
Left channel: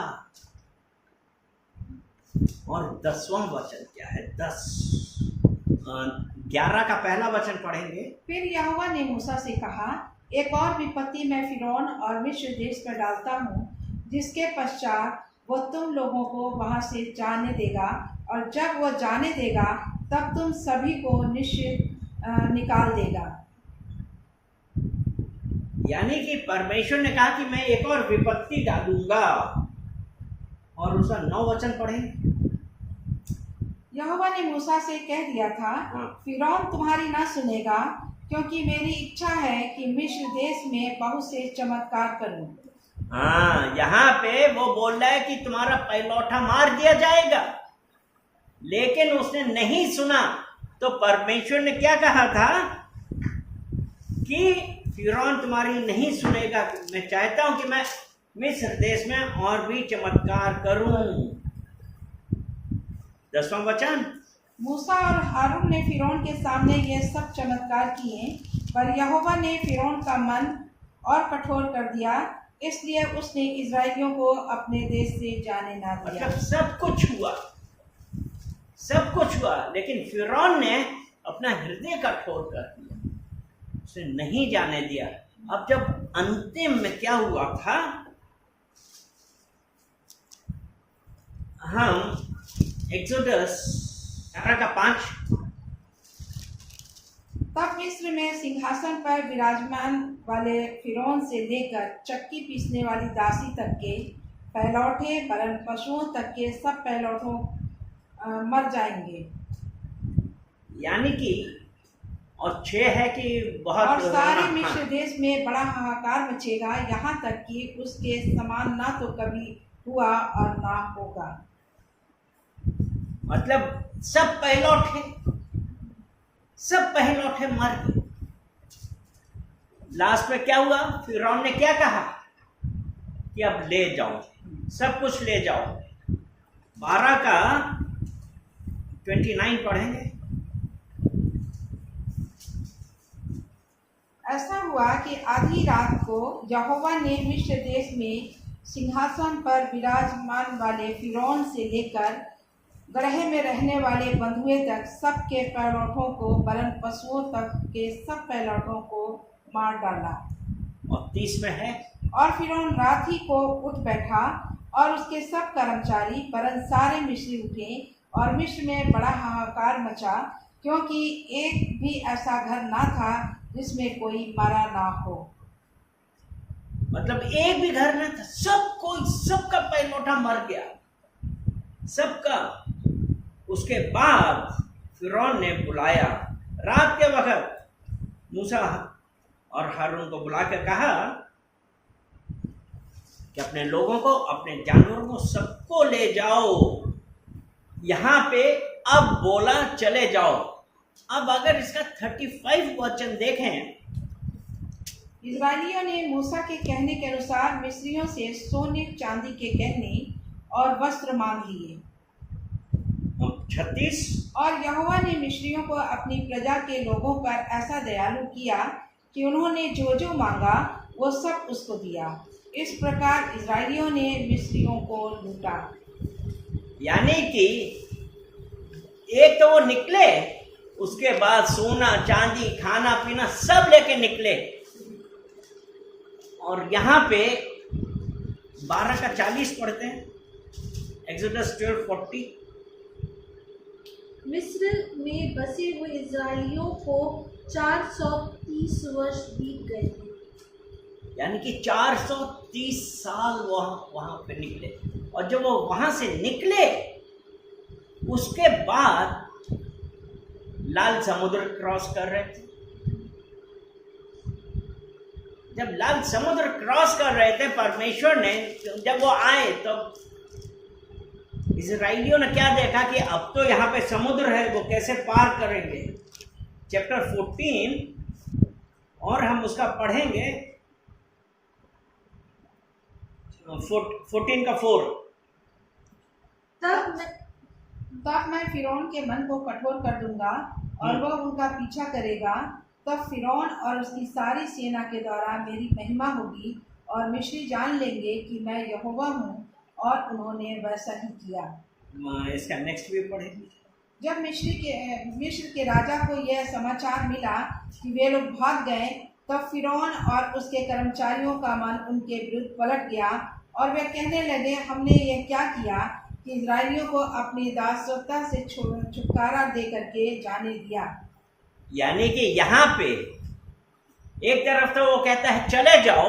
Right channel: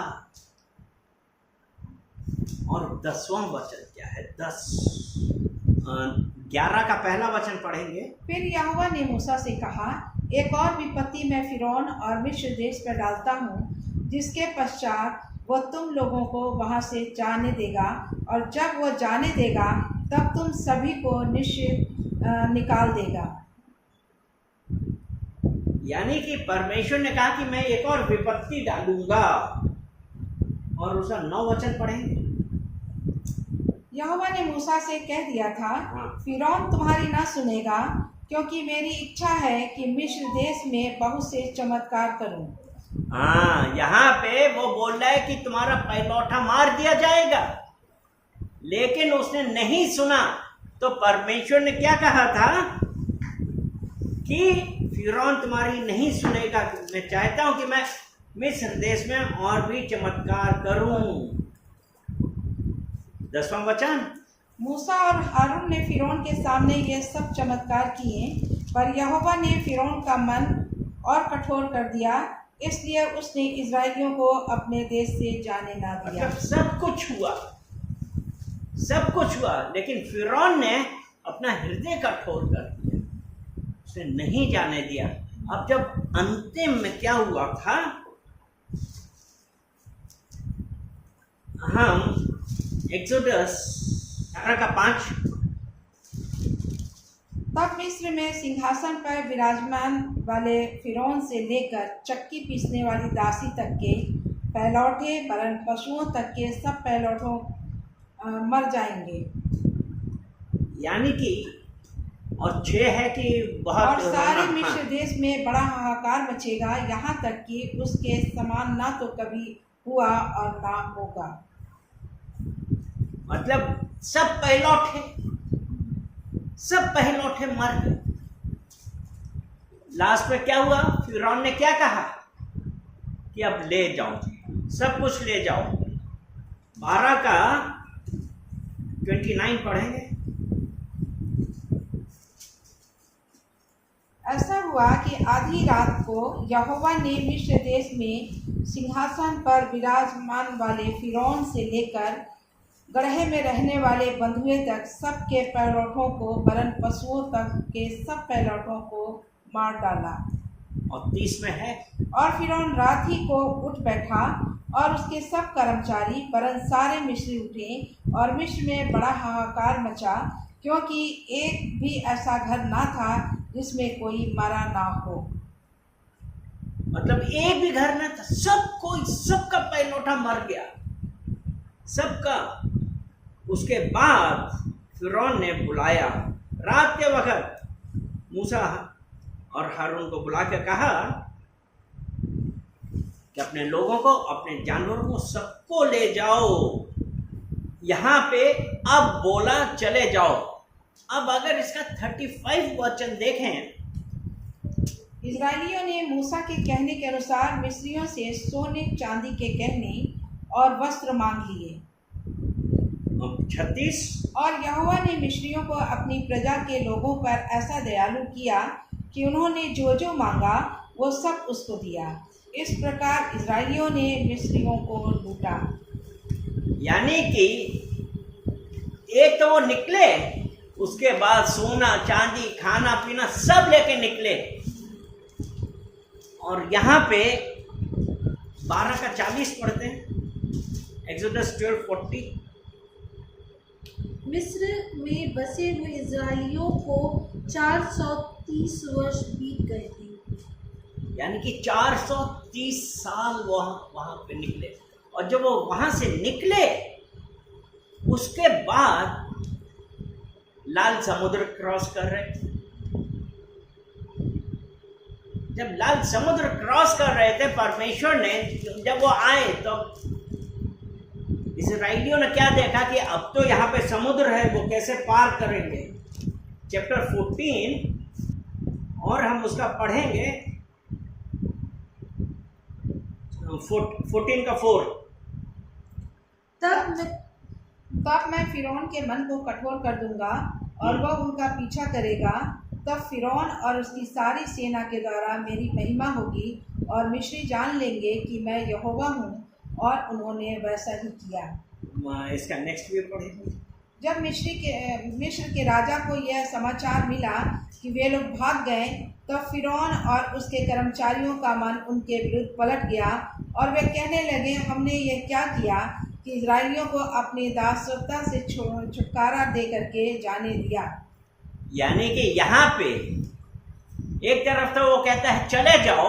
और 10वां वचन क्या है? 11 का पहला वचन पढ़ेंगे। फिर यहोवा ने मूसा से कहा, एक और विपत्ति मैं फिरौन और मिस्र देश पर डालता हूँ, जिसके पश्चात वो तुम लोगों को वहां से जाने देगा, और जब वो जाने देगा तब तुम सभी को निश्चय निकाल देगा। यानी कि परमेश्वर ने कहा कि मैं एक और विपत्ति डालूंगा। और उसका 9 वचन पढ़ेंगे। यहोवा ने मूसा से कह दिया था, हाँ। फिरौन तुम्हारी ना सुनेगा, क्योंकि मेरी इच्छा है कि मिस्र देश में बहुत से चमत्कार करूं। हाँ, यहाँ पे वो बोल रहा है कि तुम्हारा पहलौठा मार दिया जाएगा, लेकिन उसने नहीं सुना। तो परमेश्वर ने क्या कहा था कि फिरौन तुम्हारी नहीं सुनेगा। मैं चाहता हूं कि मैं मिस्र देश में और भी चमत्कार करूं। 10वां वचन। मूसा और हारून ने फिरौन के सामने ये सब चमत्कार किए, पर यहोवा ने फिरौन का मन और कठोर कर दिया, इसलिए उसने इजरायलियों को अपने देश से जाने ना दिया। मतलब सब कुछ हुआ, लेकिन फिरौन ने अपना हृदय कठोर कर दिया, उसे नहीं जाने दिया। अब जब अंतिम में क्या हुआ था, हम एक्सोडस 18:5। तब मिस्र में सिंहासन पर विराजमान वाले फिरौन से लेकर चक्की पीसने वाली दासी तक के पहलौठे, वरन पशुओं तक के सब पहलौठों मर जाएंगे। यानी कि और 6 है कि बहुत और सारे हाँ, मिस्र देश में बड़ा हाहाकार मचेगा, यहाँ तक कि उसके समान ना तो कभी हुआ और ना होगा। मतलब सब पहलौठे मर गए। लास्ट में क्या हुआ? फिरौन ने क्या कहा कि अब ले जाओ, सब कुछ ले जाओ। 12 का 29 पढ़ेंगे। ऐसा हुआ कि आधी रात को यहोवा ने मिस्र देश में सिंहासन पर विराजमान वाले फिरौन से लेकर गड्ढे में रहने वाले बंधुए तक सबके पहलौठों को, वरन पशुओं तक के सब पहलौठों को मार डाला। और 30 में है, और फिरौन रात ही को उठ बैठा और उसके सब कर्मचारी, वरन सारे मिस्री उठे, और मिस्र में बड़ा हाहाकार मचा, क्योंकि एक भी ऐसा घर ना था जिसमें कोई मारा ना हो। मतलब एक भी घर ना था, सबका पहलौठा मर गया, सबका। उसके बाद फिरौन ने बुलाया रात के वक्त मूसा और हारून को, बुला के कहा कि अपने लोगों को, अपने जानवरों को, सबको ले जाओ। यहाँ पे अब बोला चले जाओ। अब अगर इसका 35 वचन देखें, इजरायलियों ने मूसा के कहने के अनुसार मिस्रियों से सोने चांदी के गहने और वस्त्र मांग लिए। 36। और यहोवा ने मिस्रियों को अपनी प्रजा के लोगों पर ऐसा दयालु किया कि उन्होंने जो जो मांगा वो सब उसको दिया। इस प्रकार इजरायलियों ने मिस्रियों को लूटा। यानी कि एक तो वो निकले, उसके बाद सोना चांदी खाना पीना सब लेके निकले। और यहाँ पे 12 का 40 पढ़ते हैं, एक्सोडस 12:40। मिस्र में बसे हुए इजराइलियों को 430 वर्ष बीत गए थे। यानी कि 430 साल वहां पे निकले। और जब वो वहां से निकले उसके बाद लाल समुद्र क्रॉस कर रहे थे। जब लाल समुद्र क्रॉस कर रहे थे, परमेश्वर ने जब वो आए तो इजराइलियों ने क्या देखा कि अब तो यहाँ पे समुद्र है, वो कैसे पार करेंगे। चैप्टर 14 और हम उसका पढ़ेंगे 14 का 4। तब मैं फिरौन के मन को कठोर कर दूंगा और वह उनका पीछा करेगा। तब फिरौन और उसकी सारी सेना के द्वारा मेरी महिमा होगी और मिस्री जान लेंगे कि मैं यहोवा हूँ, और उन्होंने वैसा ही किया। इसका नेक्स्ट भी पढ़ेंगे। जब मिस्र के राजा को यह समाचार मिला कि वे लोग भाग गए, तब फिरौन और उसके कर्मचारियों का मन उनके विरुद्ध पलट गया और वे कहने लगे, हमने ये क्या किया कि इजराइलियों को अपनी दासत्व से छुटकारा दे करके जाने दिया। यानी कि यहाँ पे एक तरफ तो वो कहता है चले जाओ,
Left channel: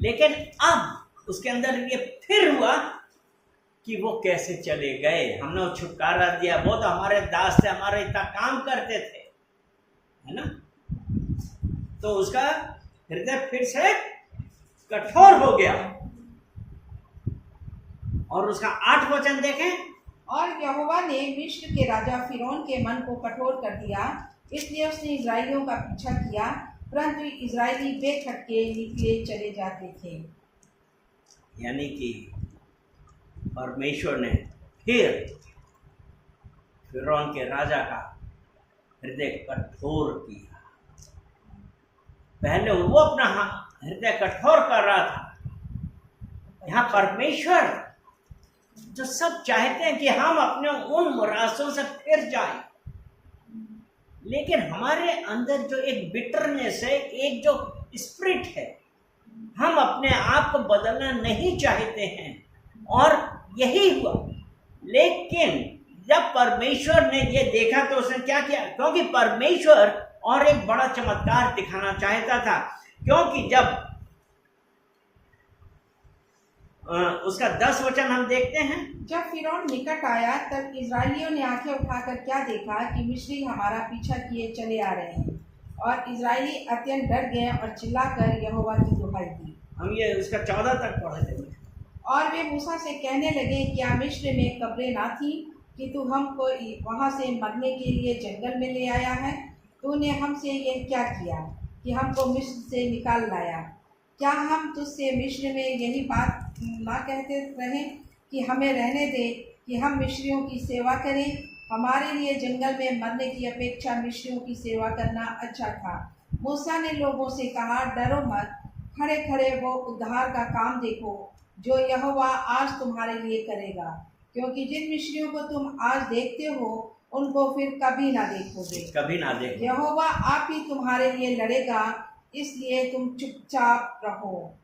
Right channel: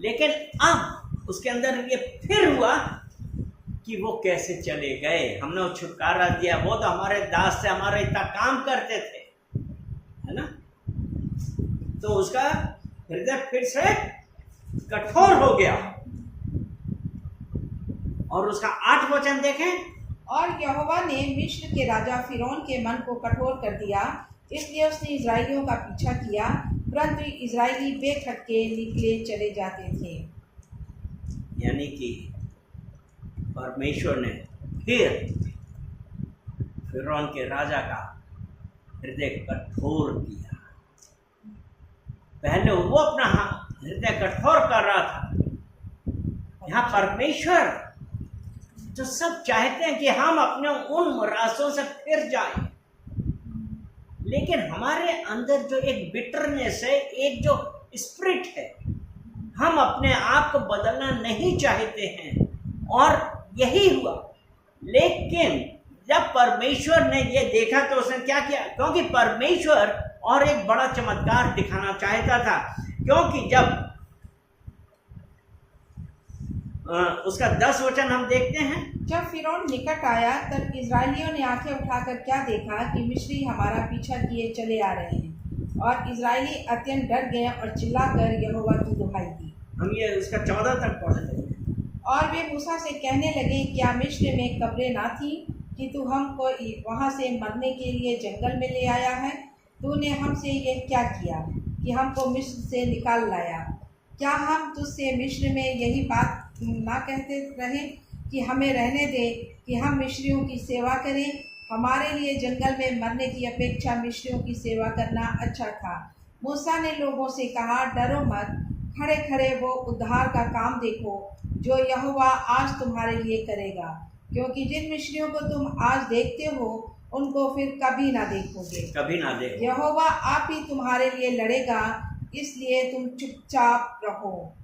लेकिन अब उसके अंदर ये फिर हुआ कि वो कैसे चले गए, हमने वो छुटकारा दिया, वो तो हमारे दास थे, हमारे इतना काम करते थे, है ना। तो उसका हृदय फिर से कठोर हो गया। और उसका 8 वचन देखें। और यहोवा ने मिस्र के राजा फिरौन के मन को कठोर कर दिया, इसलिए उसने इजराइलियों का पीछा किया, परंतु इजराइली बेखटके निकले चले जाते थे। यानी कि परमेश्वर ने फिर फिरौन के राजा का हृदय कठोर किया। पहले वो अपना हृदय कठोर कर रहा था, यहाँ परमेश्वर जो सब चाहते हैं कि हम अपने उन रास्तों से फिर जाएं, लेकिन हमारे अंदर जो एक बिटरनेस है, एक जो स्पिरिट है, हम अपने आप को बदलना नहीं चाहते हैं, और यही हुआ। लेकिन जब परमेश्वर ने ये देखा तो उसने क्या किया, क्योंकि परमेश्वर और एक बड़ा चमत्कार दिखाना चाहता था। क्योंकि जब उसका 10 वचन हम देखते हैं। जब फिरौन निकट आया, तब इजराइलियों ने आंखें उठाकर क्या देखा कि मिस्री हमारा पीछा किए चले आ रहे हैं, और इजराइली अत्यंत डर गए और चिल्लाकर यहोवा की दुहाई दी। हम ये उसका 14 तक पढ़ लेंगे। और वे मूसा से कहने लगे, क्या मिस्र में कब्रें ना थी कि तू हमको वहाँ से मरने के लिए जंगल में ले आया है? तूने हमसे ये क्या किया कि हमको मिस्र से निकाल लाया? क्या हम तुझसे मिस्र में यही बात ना कहते रहे कि हमें रहने दे कि हम मिस्रियों की सेवा करें? हमारे लिए जंगल में मरने की अपेक्षा मिस्रियों की सेवा करना अच्छा था। मूसा ने लोगों से कहा, डरो मत, खड़े खड़े वो उद्धार का काम देखो जो यहोवा आज तुम्हारे लिए करेगा, क्योंकि जिन मिस्रियों को तुम आज देखते हो उनको फिर कभी ना देखोगे, कभी ना देखोगे। यहोवा आप ही तुम्हारे लिए लड़ेगा, इसलिए तुम चुपचाप रहो।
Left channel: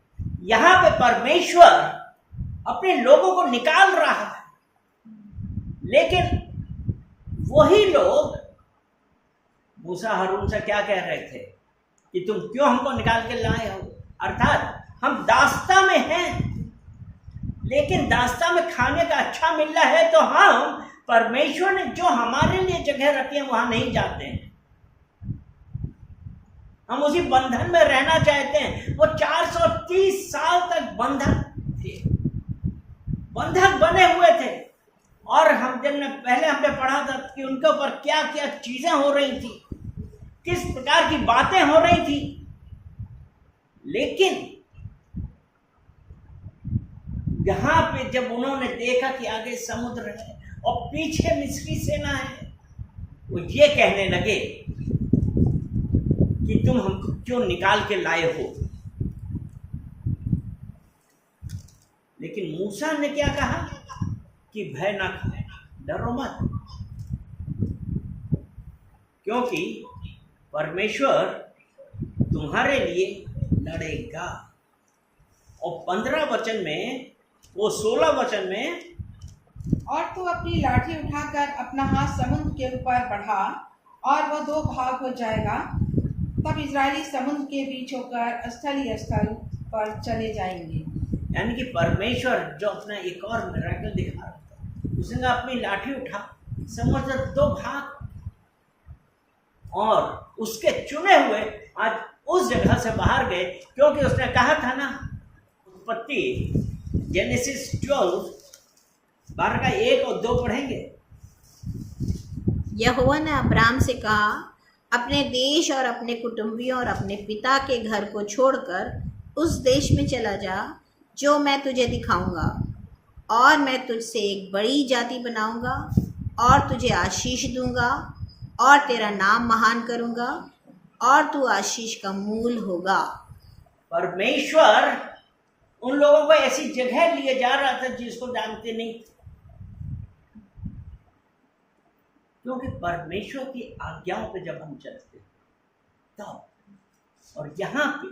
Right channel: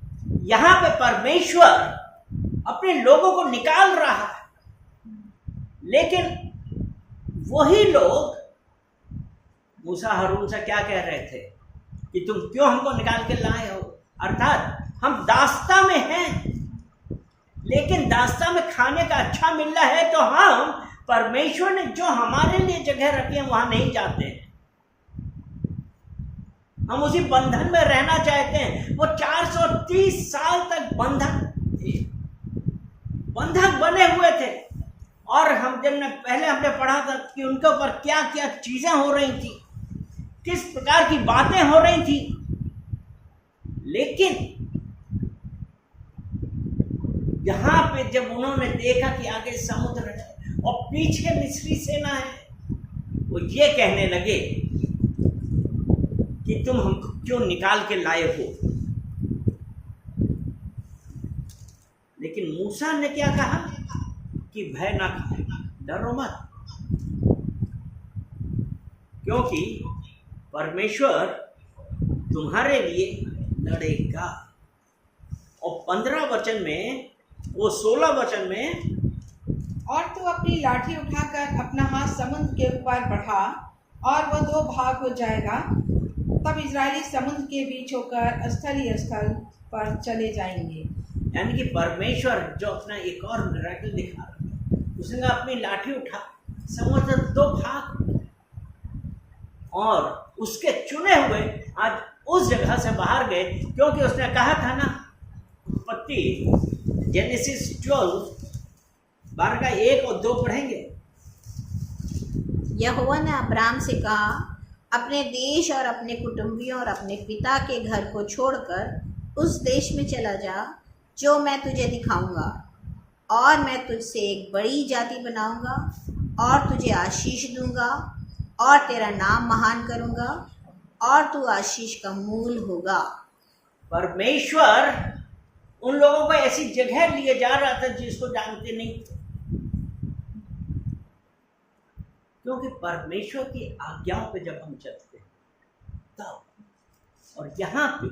यहाँ पे परमेश्वर अपने लोगों को निकाल रहा है, लेकिन वही लोग मूसा हारून से क्या कह रहे थे कि तुम क्यों हमको निकाल के लाए हो। अर्थात हम दास्ता में हैं, लेकिन दास्ता में खाने का अच्छा मिल रहा है तो हम परमेश्वर ने जो हमारे लिए जगह रखी है वहां नहीं जाते हैं। हम उसी बंधन में रहना चाहते हैं। वो 430 साल तक बंधक बने हुए थे, और हम पहले हमने पढ़ा था कि उनके ऊपर क्या क्या चीजें हो रही थी, किस प्रकार की बातें हो रही थी। लेकिन यहाँ पे जब उन्होंने देखा कि आगे समुद्र है और पीछे मिस्री सेना है, वो ये कहने लगे कि तुम हमको क्यों निकाल के लाए हो। लेकिन मूसा ने क्या कहा कि भय ना खाए, डरो मत, क्योंकि परमेश्वर तुम्हारे लिए लड़ेगा। और 15 वचन में, वो 16 वचन में, और तू अपनी लाठी उठाकर अपना हाथ समुद्र के ऊपर बढ़ा और वह 2 भाग हो जाएगा। तब इजरायली समुद्र के बीच होकर स्थल ही स्थल पर चले जाएंगे। यानी कि परमेश्वर जो अपना एक और मिरेकल दिखा रहा था, उसने कहा अपनी लाठी उठा, समुद्र दो भाग, और उसके चुने हुए आज उस जगह से बाहर गए, क्योंकि उसने कहा था ना, उत्पत्ति जेनेसिस 12 का 1 और 2 पढ़ेंगे। यहोवा ने अब्राम से कहा, अपने देश और अपने कुटुंबियों और अपने पिता के घर को छोड़कर उस देश में चला जा जो मैं तुझे दिखाऊंगा, और मैं तुझसे एक बड़ी जाति बनाऊंगा और तुझे आशीष दूंगा और तेरा नाम महान करूंगा और तू आशीष का मूल होगा। परमेश्वर उन लोगों को ऐसी जगह लिए जा रहा था जिसको जानते नहीं थे, क्योंकि परमेश्वर की आज्ञाओं पे जब हम चलते तब, और यहाँ पे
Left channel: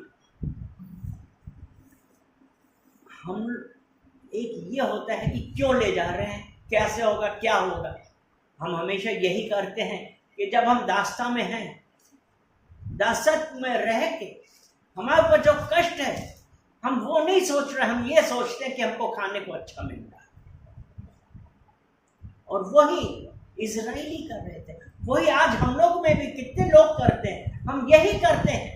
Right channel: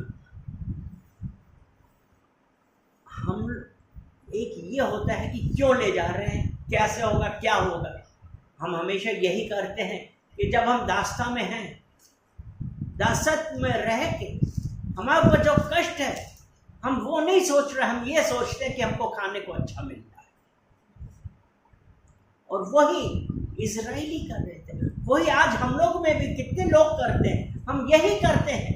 हम एक ये होता है कि क्यों ले जा रहे हैं, कैसे होगा, क्या होगा। हम हमेशा यही करते हैं कि जब हम दास्ता में हैं, दासत में रह के हमारे ऊपर जो कष्ट है, हम वो नहीं सोच रहे, हम ये सोचते हैं कि हमको खाने को अच्छा मिल रहा है। और वही इजराइली कर रहे थे, वही आज हम लोग में भी कितने लोग करते हैं, हम यही करते हैं।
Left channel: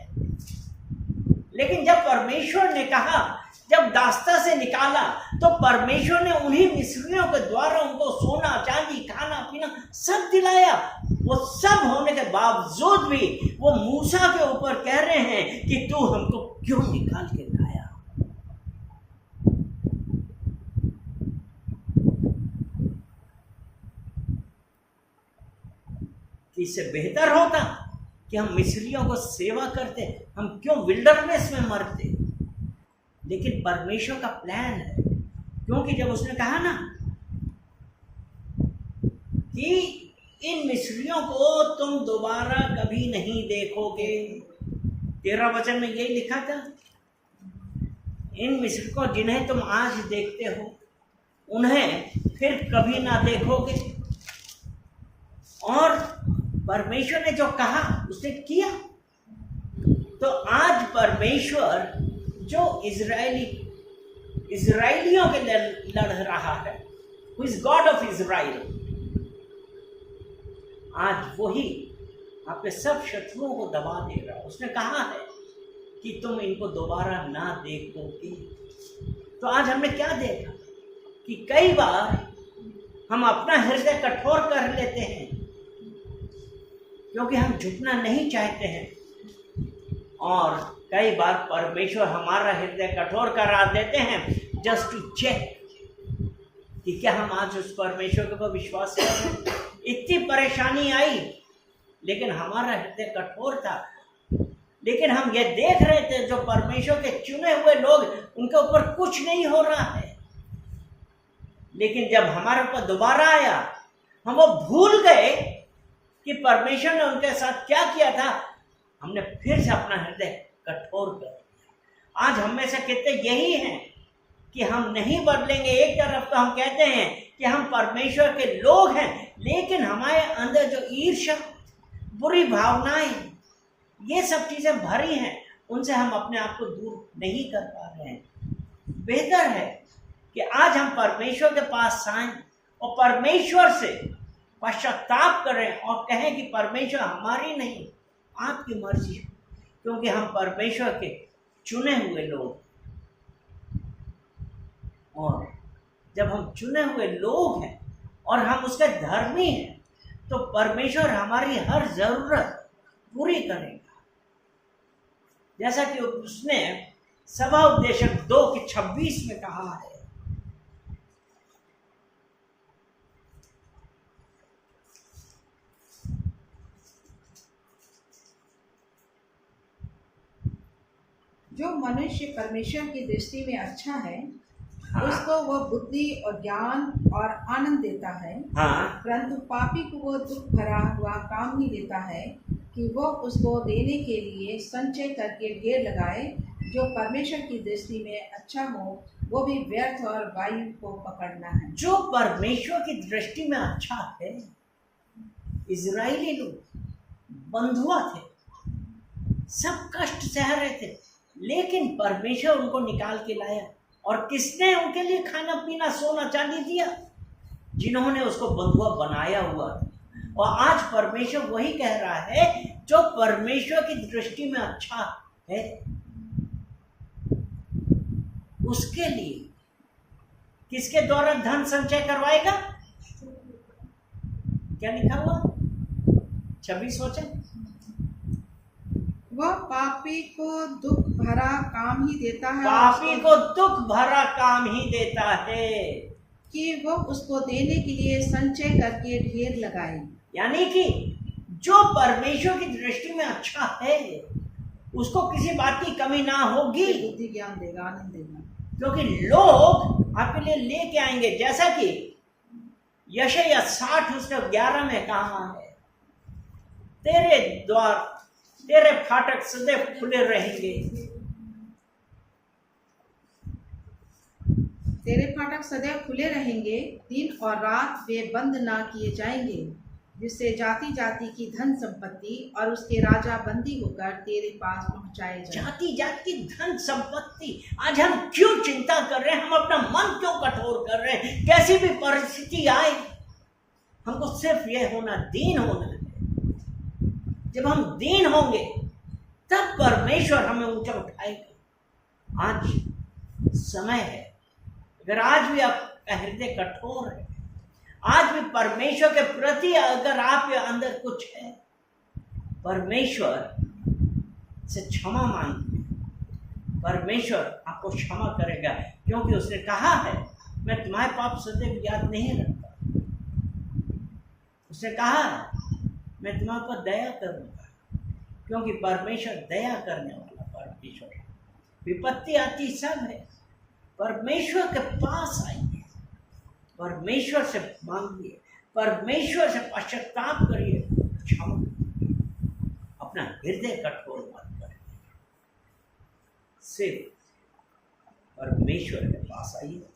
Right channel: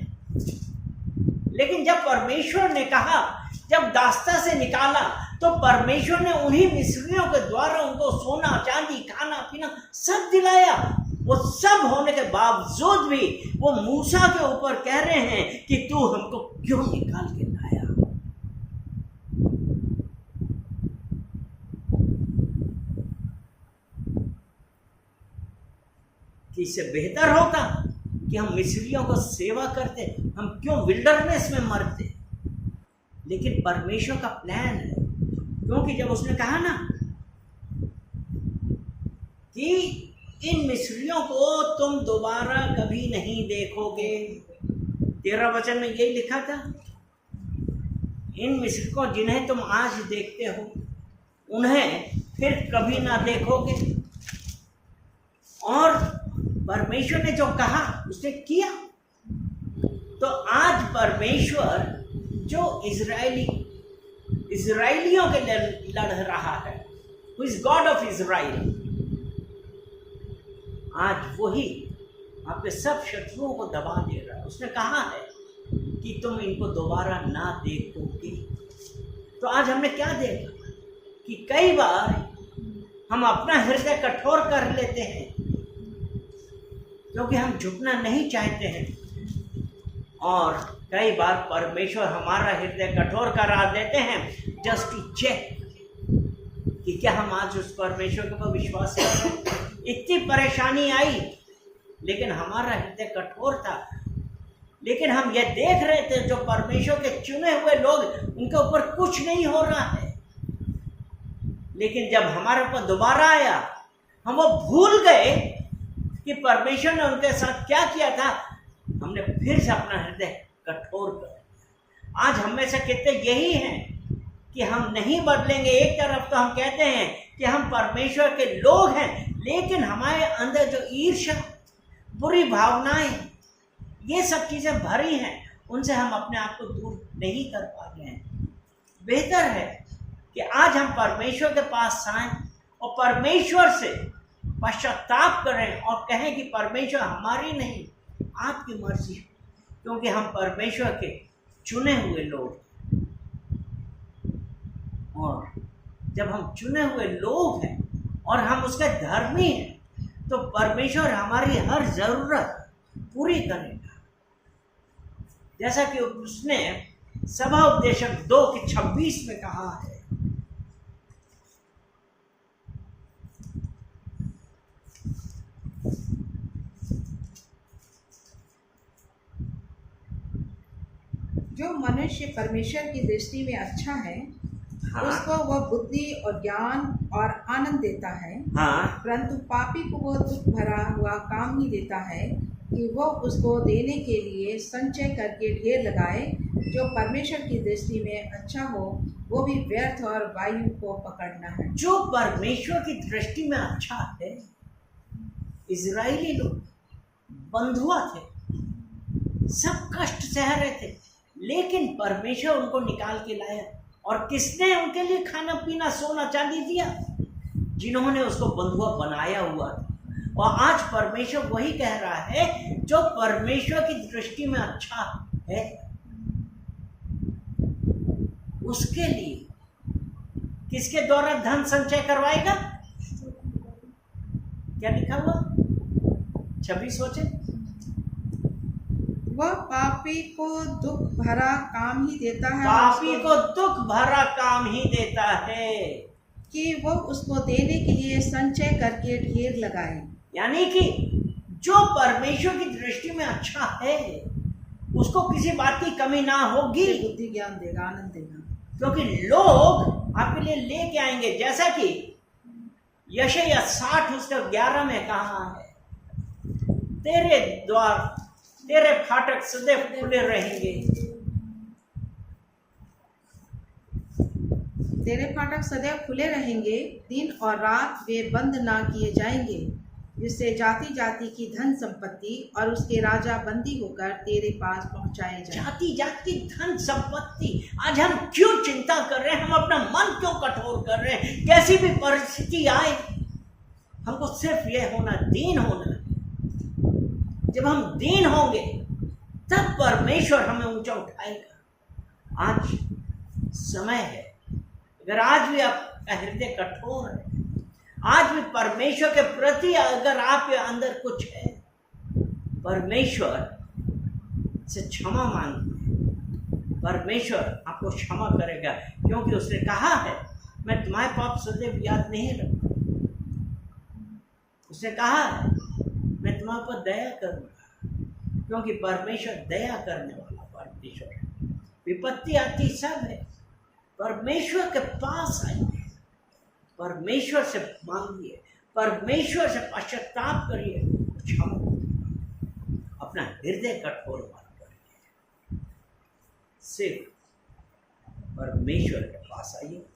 लेकिन जब परमेश्वर ने कहा, जब दास्ता से निकाला, तो परमेश्वर ने उन्हीं मिस्रियों के द्वारा उनको सोना चांदी खाना पीना सब दिलाया। वो सब होने के बावजूद भी वो मूसा के ऊपर कह रहे हैं कि तू हमको क्यों निकाल के लाया। कि इससे बेहतर होता कि हम मिस्रियों को सेवा करते, हम क्यों विल्डरनेस में मरते। लेकिन परमेश्वर का प्लान है, क्योंकि जब उसने कहा ना कि इन मिस्रियों को तुम दोबारा कभी नहीं देखोगे, 13 वचन में यही लिखा था, इन मिस्र को जिन्हें तुम आज देखते हो उन्हें फिर कभी ना देखोगे। और परमेश्वर ने जो कहा उसने किया। तो आज परमेश्वर जो इजराइलियों के लिए लड़ रहा है, who is God of Israel, आज वही आपके सब शत्रुओं को दबा दे रहा है। उसने कहा है कि तुम इनको दोबारा ना देखोगे। तो आज हमने क्या देखा कि कई बार हम अपना हृदय कठोर कर लेते हैं, क्योंकि हम झुकना नहीं चाहते हैं, और कई बार परमेश्वर हमारा हृदय कठोर करा देते हैं जस्ट टू चेक कि क्या हम आज उस परमेश्वर के ऊपर विश्वास कर रहे हैं। इतनी परेशानी आई लेकिन हमारा हृदय कठोर था, लेकिन हम ये देख रहे थे जो परमेश्वर के चुने हुए लोग, उनके ऊपर कुछ नहीं हो रहा है। लेकिन जब हमारे ऊपर दोबारा आया, हम वो भूल गए कि परमेश्वर ने उनके साथ क्या किया था। हमने फिर से अपना हृदय कठोर कर दिया। आज हम में से कितने यही हैं कि हम नहीं बदलेंगे। एक तरफ तो हम कहते हैं कि हम परमेश्वर के लोग हैं, लेकिन हमारे अंदर जो ईर्ष्या, बुरी भावनाएं, ये सब चीज़ें भरी हैं, उनसे हम अपने आप को दूर नहीं कर पा रहे हैं। बेहतर है कि आज हम परमेश्वर के पास आएं और परमेश्वर से पश्चाताप करें और कहें कि परमेश्वर हमारी नहीं, आपकी मर्जी, क्योंकि हम परमेश्वर के चुने हुए लोग। और जब हम चुने हुए लोग हैं और हम उसके धर्मी हैं, तो परमेश्वर हमारी हर जरूरत पूरी करेगा। जैसा कि उसने सभा उपदेशक 2:26 में कहा है, जो मनुष्य परमेश्वर की दृष्टि में अच्छा है, हाँ, उसको वह बुद्धि और ज्ञान और आनंद देता है। हाँ, परंतु पापी को वह दुख भरा हुआ काम ही देता है कि वह उसको देने के लिए संचय करके ढेर लगाए। जो परमेश्वर की दृष्टि में अच्छा हो, वो भी व्यर्थ और वायु को पकड़ना है। जो परमेश्वर की दृष्टि में अच्छा है, इजराइली लोग बंधुआ थे, सब कष्ट सह रहे थे, लेकिन परमेश्वर उनको निकाल के लाया। और किसने उनके लिए खाना पीना सोना चांदी दिया? जिन्होंने उसको बंधुआ बनाया हुआ था। और आज परमेश्वर वही कह रहा है, जो परमेश्वर की दृष्टि में अच्छा है उसके लिए किसके द्वारा धन संचय करवाएगा? क्या लिखा हुआ? 26 वचन। वह पापी को दुख भरा काम ही देता है, पापी को दुख भरा काम ही देता है कि वो उसको देने के लिए संचय करके ढेर लगाए। यानी कि जो परमेश्वर की दृष्टि में अच्छा है उसको किसी बात की कमी ना होगी, बुद्धि ज्ञान देगा, आनंद देगा। क्योंकि लोग आपके लिए लेके आएंगे। जैसा कि यशायाह 60 उसके 11 में कहा है, तेरे द्वार तेरे फाटक सदैव खुले रहेंगे। तेरे फाटक सदैव खुले रहेंगे, दिन और रात वे बंद ना किए जाएंगे, जिससे जाति जाति की धन संपत्ति और उसके राजा बंदी होकर तेरे पास पहुंचाए जाए। जाति जाति की धन संपत्ति। आज हम क्यों चिंता कर रहे हैं? हम अपना मन क्यों कठोर कर रहे हैं? कैसी भी परिस्थिति आए, हमको सिर्फ यह होना, दीन होना है। जब हम दीन होंगे तब परमेश्वर हमें ऊंचा उठाएगा। आज समय है, अगर आज भी आपका हृदय कठोर है, आज भी परमेश्वर के प्रति अगर आपके अंदर कुछ है, परमेश्वर से क्षमा मांगिए। परमेश्वर आपको क्षमा करेगा, क्योंकि उसने कहा है, मैं तुम्हारे पाप सदैव याद नहीं रखता। उसने कहा है, मैं तुम्हारे पर दया करूंगा, क्योंकि परमेश्वर दया करने वाला परमेश्वर है। विपत्ति आती सब है, परमेश्वर के पास आइए, परमेश्वर से मांगिए, परमेश्वर से पश्चाताप करिए, क्षमा करिए। अपना हृदय कठोर मत करिए, सिर्फ परमेश्वर के पास आइए।